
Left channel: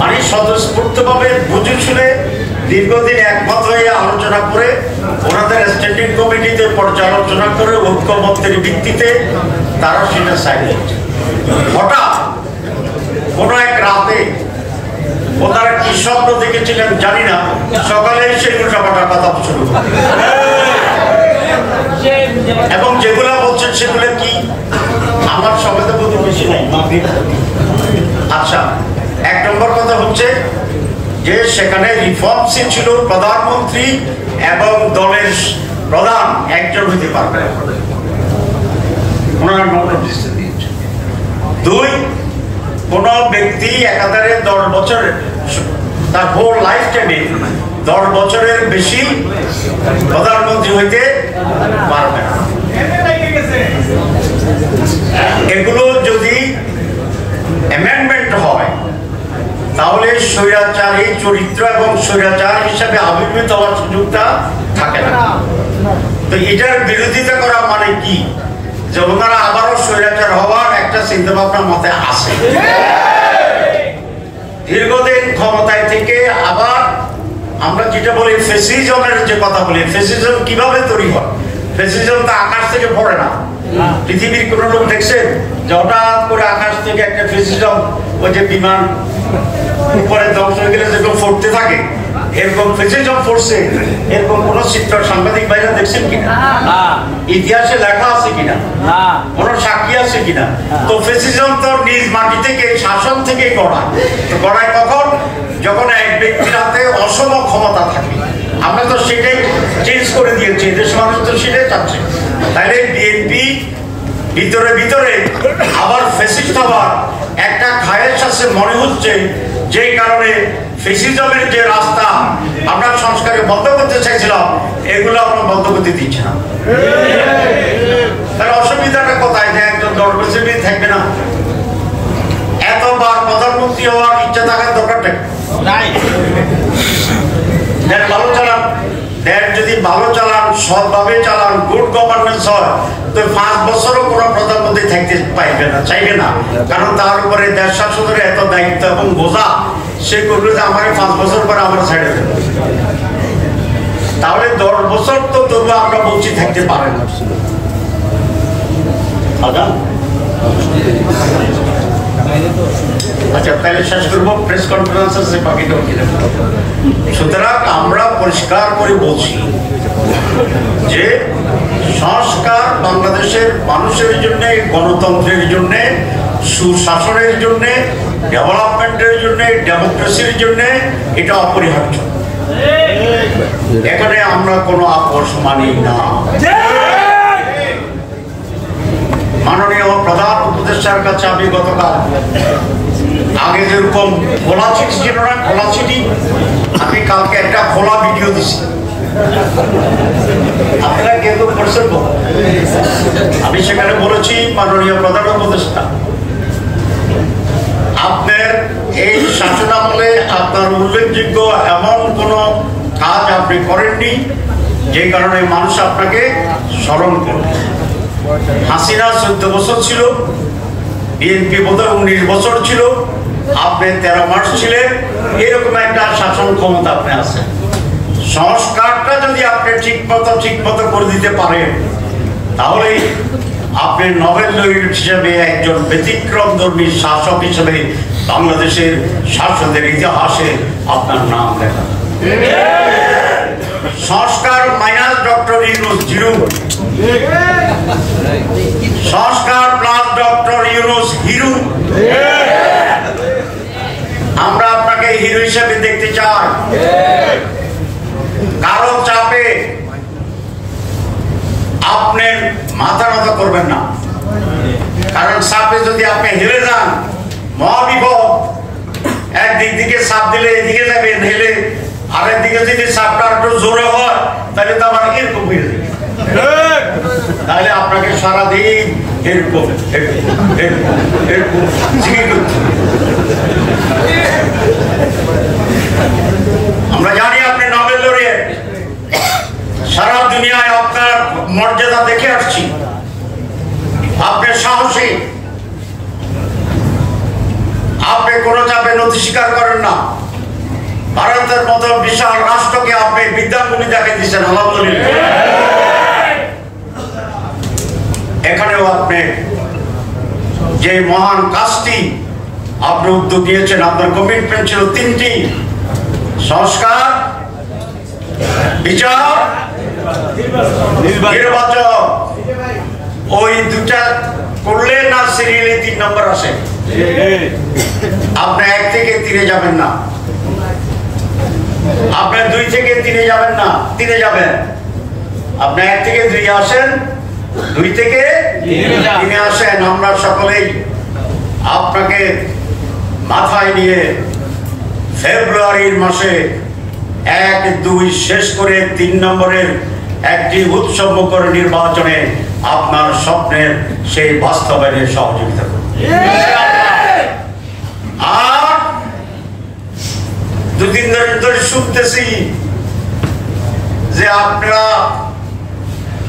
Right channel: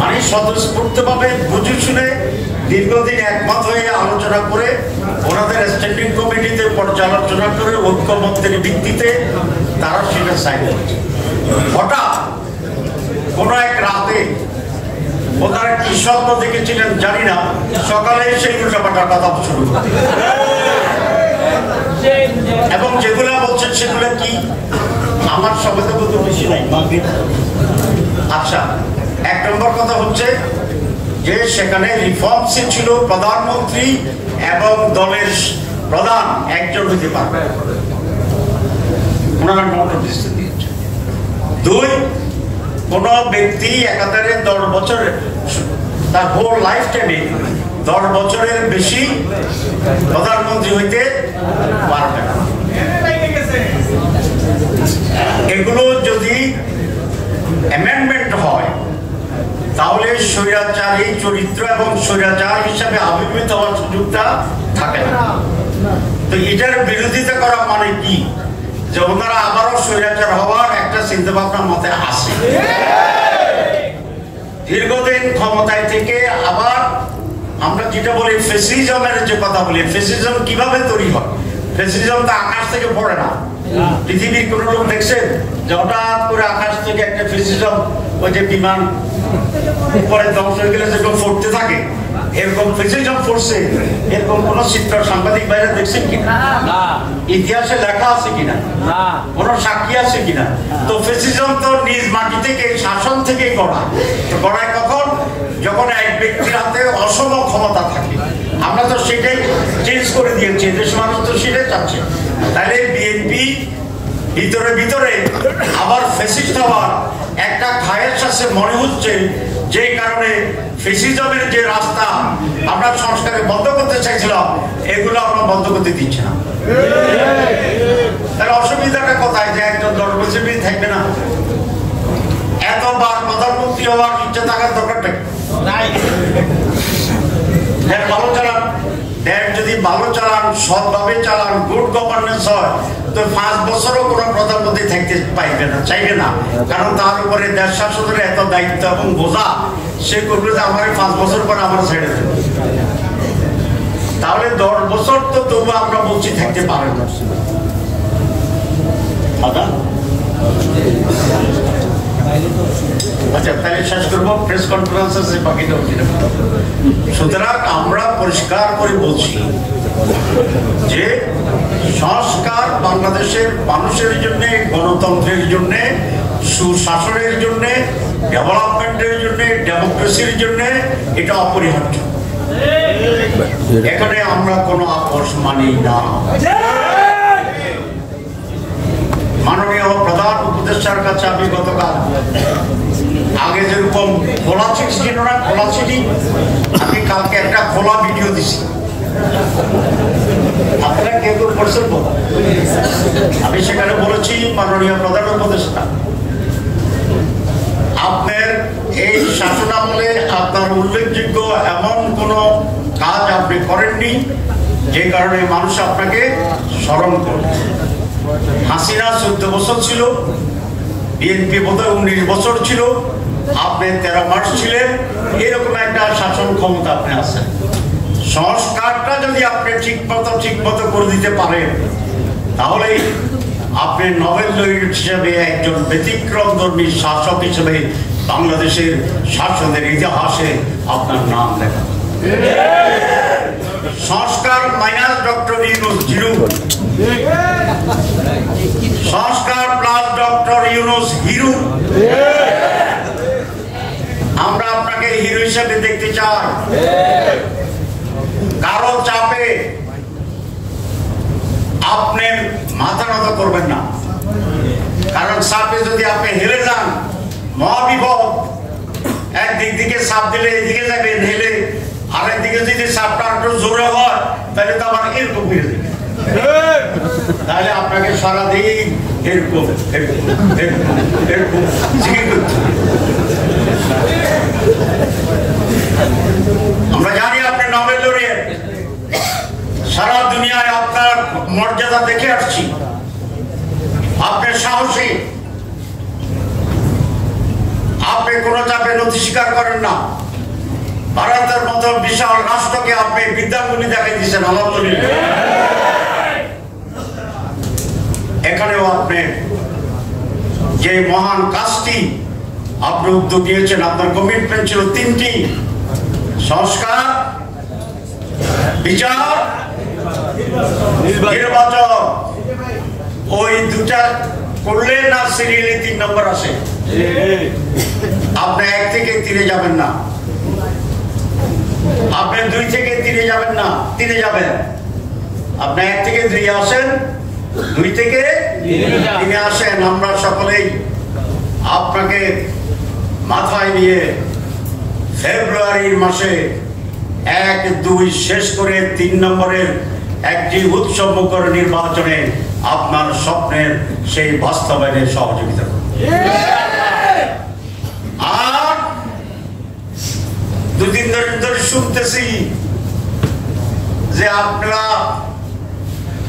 মানে স্বতঃস্ফূর্তভাবে বুঝে শুনে দীর্ঘদিন একমত হয়ে আলোচনা করে ওনাদের স্ট্যান্ডিং কমিটিতে পর্যালোচনা করে ঐক্যমত্যের ভিত্তিতে তারা সেটা সাইন করছে। হঠাৎ কোন এক রাতে ওনারা কি স্বপ্ন দেখেছিলেন জানি না, সকালে সেই উল্টাপাল্টা কথা শুরু করে, এবং যেগুলো বলছেন সেগুলো কি আমার সময় তো কোনো বেশি নাই। আচ্ছা, 1 নম্বর কথা হচ্ছে যে সেখানে রিফর্মসে ছিল প্রধানমন্ত্রী এবং দলের প্রধান একজন হইতে পারবে, ওনারা নোটিশ দিয়েছে। 2, কোন ব্যক্তি একাধারে 10 বছর তার হোল লাইফ টাইমে 10 বছরের বেশি প্রধানমন্ত্রী হইতে পারবে না। এগুলো যদি অ্যামেন্ডমেন্ট হয় তাহলে স্বৈরাচারী চরিত্র এবং স্বৈরাচার হিসাবে আবির্ভূত হওয়ার সুযোগটা থাকে না। তো এটার বিরোধিতা করা মানে কি? যে ওনারা আবারও স্বৈরাচার হওয়ার একটা চিন্তা ভাবনা মতে আসে। দীর্ঘদিন ক্ষমতায় থেকে আবার আমরা যেটা বলি ফেসিজমের যে কথা বলি, ফেসিজম কিভাবে তৈরি হয়? ফেসিজম তো আকাশ থেকে পড়ে না। পৃথিবীর কোন লোক দেখছেন যে হঠাৎ করে আকাশ থেকে একটা ফেসিজম, ওই যে বিমান উপরে ধ্বংস হয়ে গেলে যেরকম ফুটতে থাকে, এরকম ফেসিজম পড়ছে, এরকম কোন চিত্র সাংবাদিক ভাইরা দেখছেন কিনা? ইতিহাসে লেখা আছে কিনা? কোন সাক্ষী আছে কিনা? তো ফেসিজম তো নিজ মাটি থেকে, শাসন থেকে গড়ায়। তো গড়ায় কখন? যখন এক ব্যক্তির হাতে অসম ক্ষমতা থাকে। আমরা তো সেটাই চেঞ্জ করে দিয়েছি, দেশ মানুষ তো সেটাই চাচ্ছে। তাহলে বিএনপি ভিতরে ভিতরে আবার ফ্যাসিস্ট হওয়ার একটা খায়েশ আছে মনে হচ্ছে, যে কারণে ফ্যাসিজমের যে রাস্তা আমরা সংস্কারে বন্ধ করতে চাইছিলাম, এগুলো আমরা বন্ধ করতে দিচ্ছি না। তাহলে অসুবিধাটা কোথায়? যে একজন দলবেশী থাকবে না, এতবার প্রধানমন্ত্রী হওয়ার ইচ্ছা থাকার দরকারটা নাই। ভালো চালান, দেশ যদি ভালো চালান, সৎভাবে চালান, গুড গভর্নেন্স হয়, তো 5 বছরও কোনো প্রধানমন্ত্রী থাকতে পাইবে না, চাইবে না। কারণ তার উপরে দেশ শাসনের এত দায়িত্ব এবং বোঝা, সে করবে যে আমার 5 বছর পরে আমরা ছেড়ে দেব। তাহলে 10 বছর তো তবু আমরা বলছি থাকতে পারে না। আচ্ছা, তাহলে শেষ করবো, প্রেস কনফারেন্স আছে বাকিটা। সুতরাং আমরা পরিষ্কার করে বলছি যে সংস্কার বাংলাদেশের মানুষের জন্য, গণতন্ত্রের জন্য সুশাসনের জন্য, ডেভেলপমেন্টের জন্য, ডেমোক্রেসির জন্য এটা অপরিহার্য। এখানে আমরা কোনো আপোষ মানি না। মাননীয় প্রধান উপদেষ্টার কাছে আমি গতকাল, আগে যেরকম খোলা চিঠি ছিল না, খোলা চিঠি, আমি কালকে একটা খোলা ভিডিও দিছি, আপনারা কেউ কেউ পড়ছেন। আমি সেখানে বলেছি, মাননীয় প্রধান উপদেষ্টা, আপনার এই শাসনামলে আপনার উল্লেখযোগ্য এমন কোনো কাজ আপনি করেননি যে কারণে মানুষ আপনাকে স্মরণ করবে। হাসিনা 14 বছর ছিল, বিএনপি বোধহয় 19 বছর ছিল, আপনি 13 মাস ছিলেন। এরকম একটা শাসন ক্ষমতা আপনি আছেন। সংস্কারটা যদি আপনি ঠিক মতো করে দিতে পারেন, তাহলে আপনি নোবেল লরিয়েট হিসেবে একজন ব্যতিক্রমধর্মী শাসক হিসেবে বাংলাদেশের শাসনের ইতিহাসে আপনার নাম লেখা। সংস্কার মাইনাস ডক্টর ইউনূস জিরো, সংস্কার প্লাস ডক্টর ইউনূস হিরো। আমরা আপনাকে হিরো হিসেবে দেখতে চাই। কারো চাপে আপনি মাথা নত করবেন না, কারণ চাপে যদি আপনি হেরে যান, মহাবিপদ। একদিক দিকে চাপ দিলে এদিকে যাবেন হেলে, আরেক দিকে যদি চাপটা একটু জোরে হয় তাহলে তো আমার এরকম হয়ে যাবে। তাহলে আপনাকে সারাদিন এরকম আমরা জানি আপনি নোবেল লরিয়েট, সারা দুনিয়ায় আপনার মর্যাদা দেখে আসছি। আপনি সাহসী, আপনি কোনো চাপে নথি স্বীকার করেন না। ভারতের মতো বিশাল রাষ্ট্রকে আপনি বিদ্যাঙ্গুলি দেখাই দিচ্ছেন, আলহামদুলিল্লাহ। এখানেও আপনি যে মহান কাজটি আপনি উদ্যোগ নিয়েছেন, আপনার কমিটমেন্ট ছিল 3টি: সংস্কার, বিচার, নির্বাচন। ওই দুটা করলে না সিরিয়ালে 3 নম্বর আসে। আপনি 1 থেকে 3 যাবেন না, আপনি 2 থেকে 3 যাবেন না, 3 যাবেন। আপনি 1 থেকে 2 আসেন, 2 থেকে 3 আসেন। আমরা সকলেই আপনাকে মাথায় নিয়ে ফেব্রুয়ারির মাসে 1-2 শেষ করে 3 নম্বরের একটি উৎসবমুখর নির্বাচনে আপনার স্বপ্নের সেই বাস্তবায়নে সহযোগিতা করব। আর 2 দিন ধরে শুনতেছি যে আপনারা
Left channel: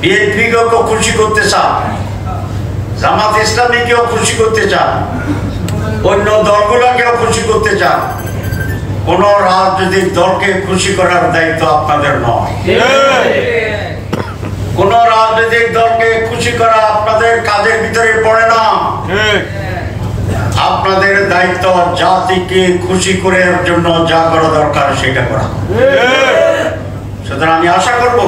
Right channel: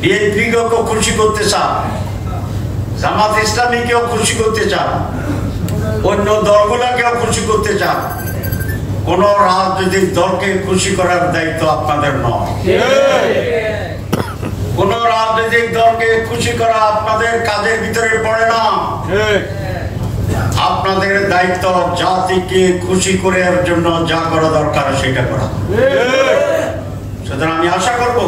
বিএনপিকেও খুশি করতে চান, জামাত ইসলামীকেও খুশি করতে চান, অন্য দলগুলোকেও খুশি করতে চান। কোন রাজনৈতিক দলকে খুশি করার দায়িত্ব আপনাদের নয়। কোন রাজনৈতিক দলকে খুশি করা আপনাদের কাজের ভিতরে পড়ে না। আপনাদের দায়িত্ব জাতিকে খুশি করার জন্য যা করা দরকার সেটা করা। সুতরাং আমি আশা করব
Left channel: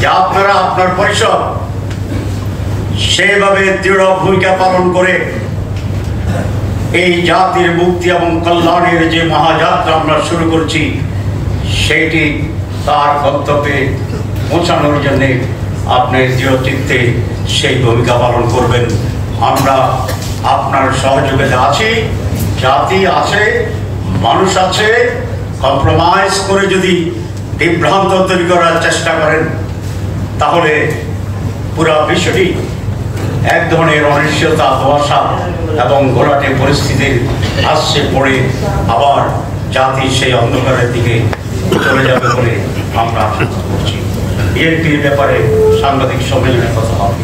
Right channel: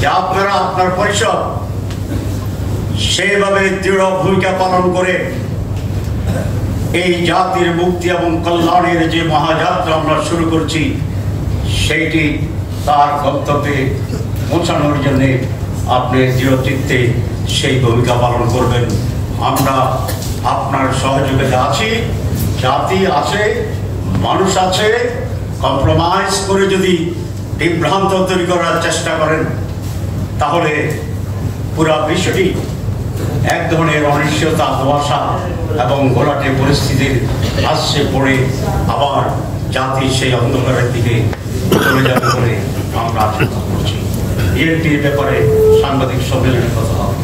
যে আপনারা আপনার পরিষদ সেভাবে দৃঢ় ভূমিকা পালন করে এই জাতির মুক্তি এবং কল্যাণের যে মহাযাত্রা আমরা শুরু করছি, সেটি তার গন্তব্যে পৌঁছানোর জন্য আপনি দৃঢ়চিত্তে সেই ভূমিকা পালন করবেন। আমরা আপনার সহযোগিতা আছি, জাতি আছে, মানুষ আছে। কম্প্রোমাইজ করে যদি বিভ্রান্ত তৈরি করার চেষ্টা করেন, তাহলে পুরা বিশ্বটি এক ধরনের অনিশ্চয়তা, ধোঁয়াশা এবং ঘোলাটে পরিস্থিতির আশ্রে পড়ে আবার জাতি সেই অন্ধকারের দিকে চলে যাবে বলে আমরা আশঙ্কা করছি। বিএনপির ব্যাপারে সাংবাদিক সম্মেলনে কথা হবে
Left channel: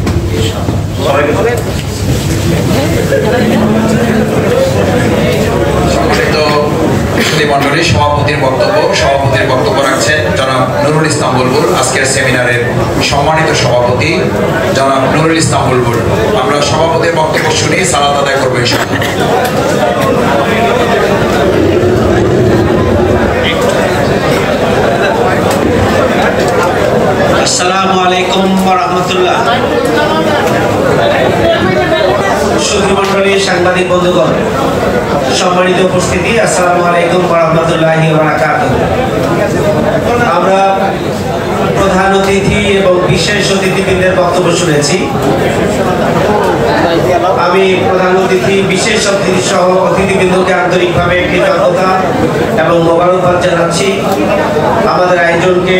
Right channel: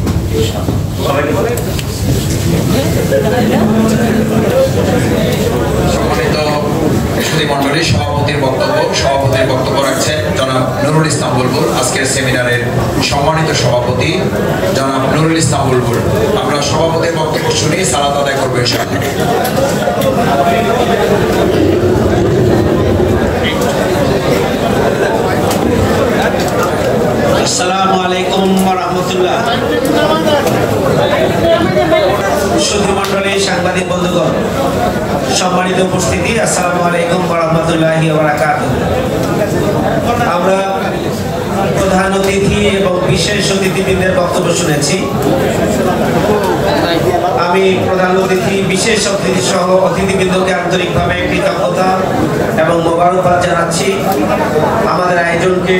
সম্মানিত সুধীমণ্ডলী, সভাপতির বক্তব্য রাখছেন জনাব নুরুল ইসলাম বুলবুল। আজকের সেমিনারের সম্মানিত সভাপতি জনাব নুরুল ইসলাম বুলবুল। আমরা সভাপতির বক্তব্য শুনি, সালাত আদায় করবো ইনশাআল্লাহ। আসসালামু আলাইকুম ওয়া রাহমাতুল্লাহ। সুধী মণ্ডলী, সাংবাদিক বন্ধুগণ, সম্মানিত উপস্থিতি, আসসালামু আলাইকুম ওয়া রাহমাতুল্লাহি ওয়া বারাকাতুহু। আমরা প্রধান অতিথি এবং বিশেষ অতিথিবৃন্দের বক্তব্য শুনেছি। আমি প্রধান অতিথি, বিশেষ অতিথি সহ অতিথিবৃন্দকে আন্তরিকভাবে কৃতজ্ঞতা এবং মোবারকবাদ জানাচ্ছি। আমাদের আয়োজনকে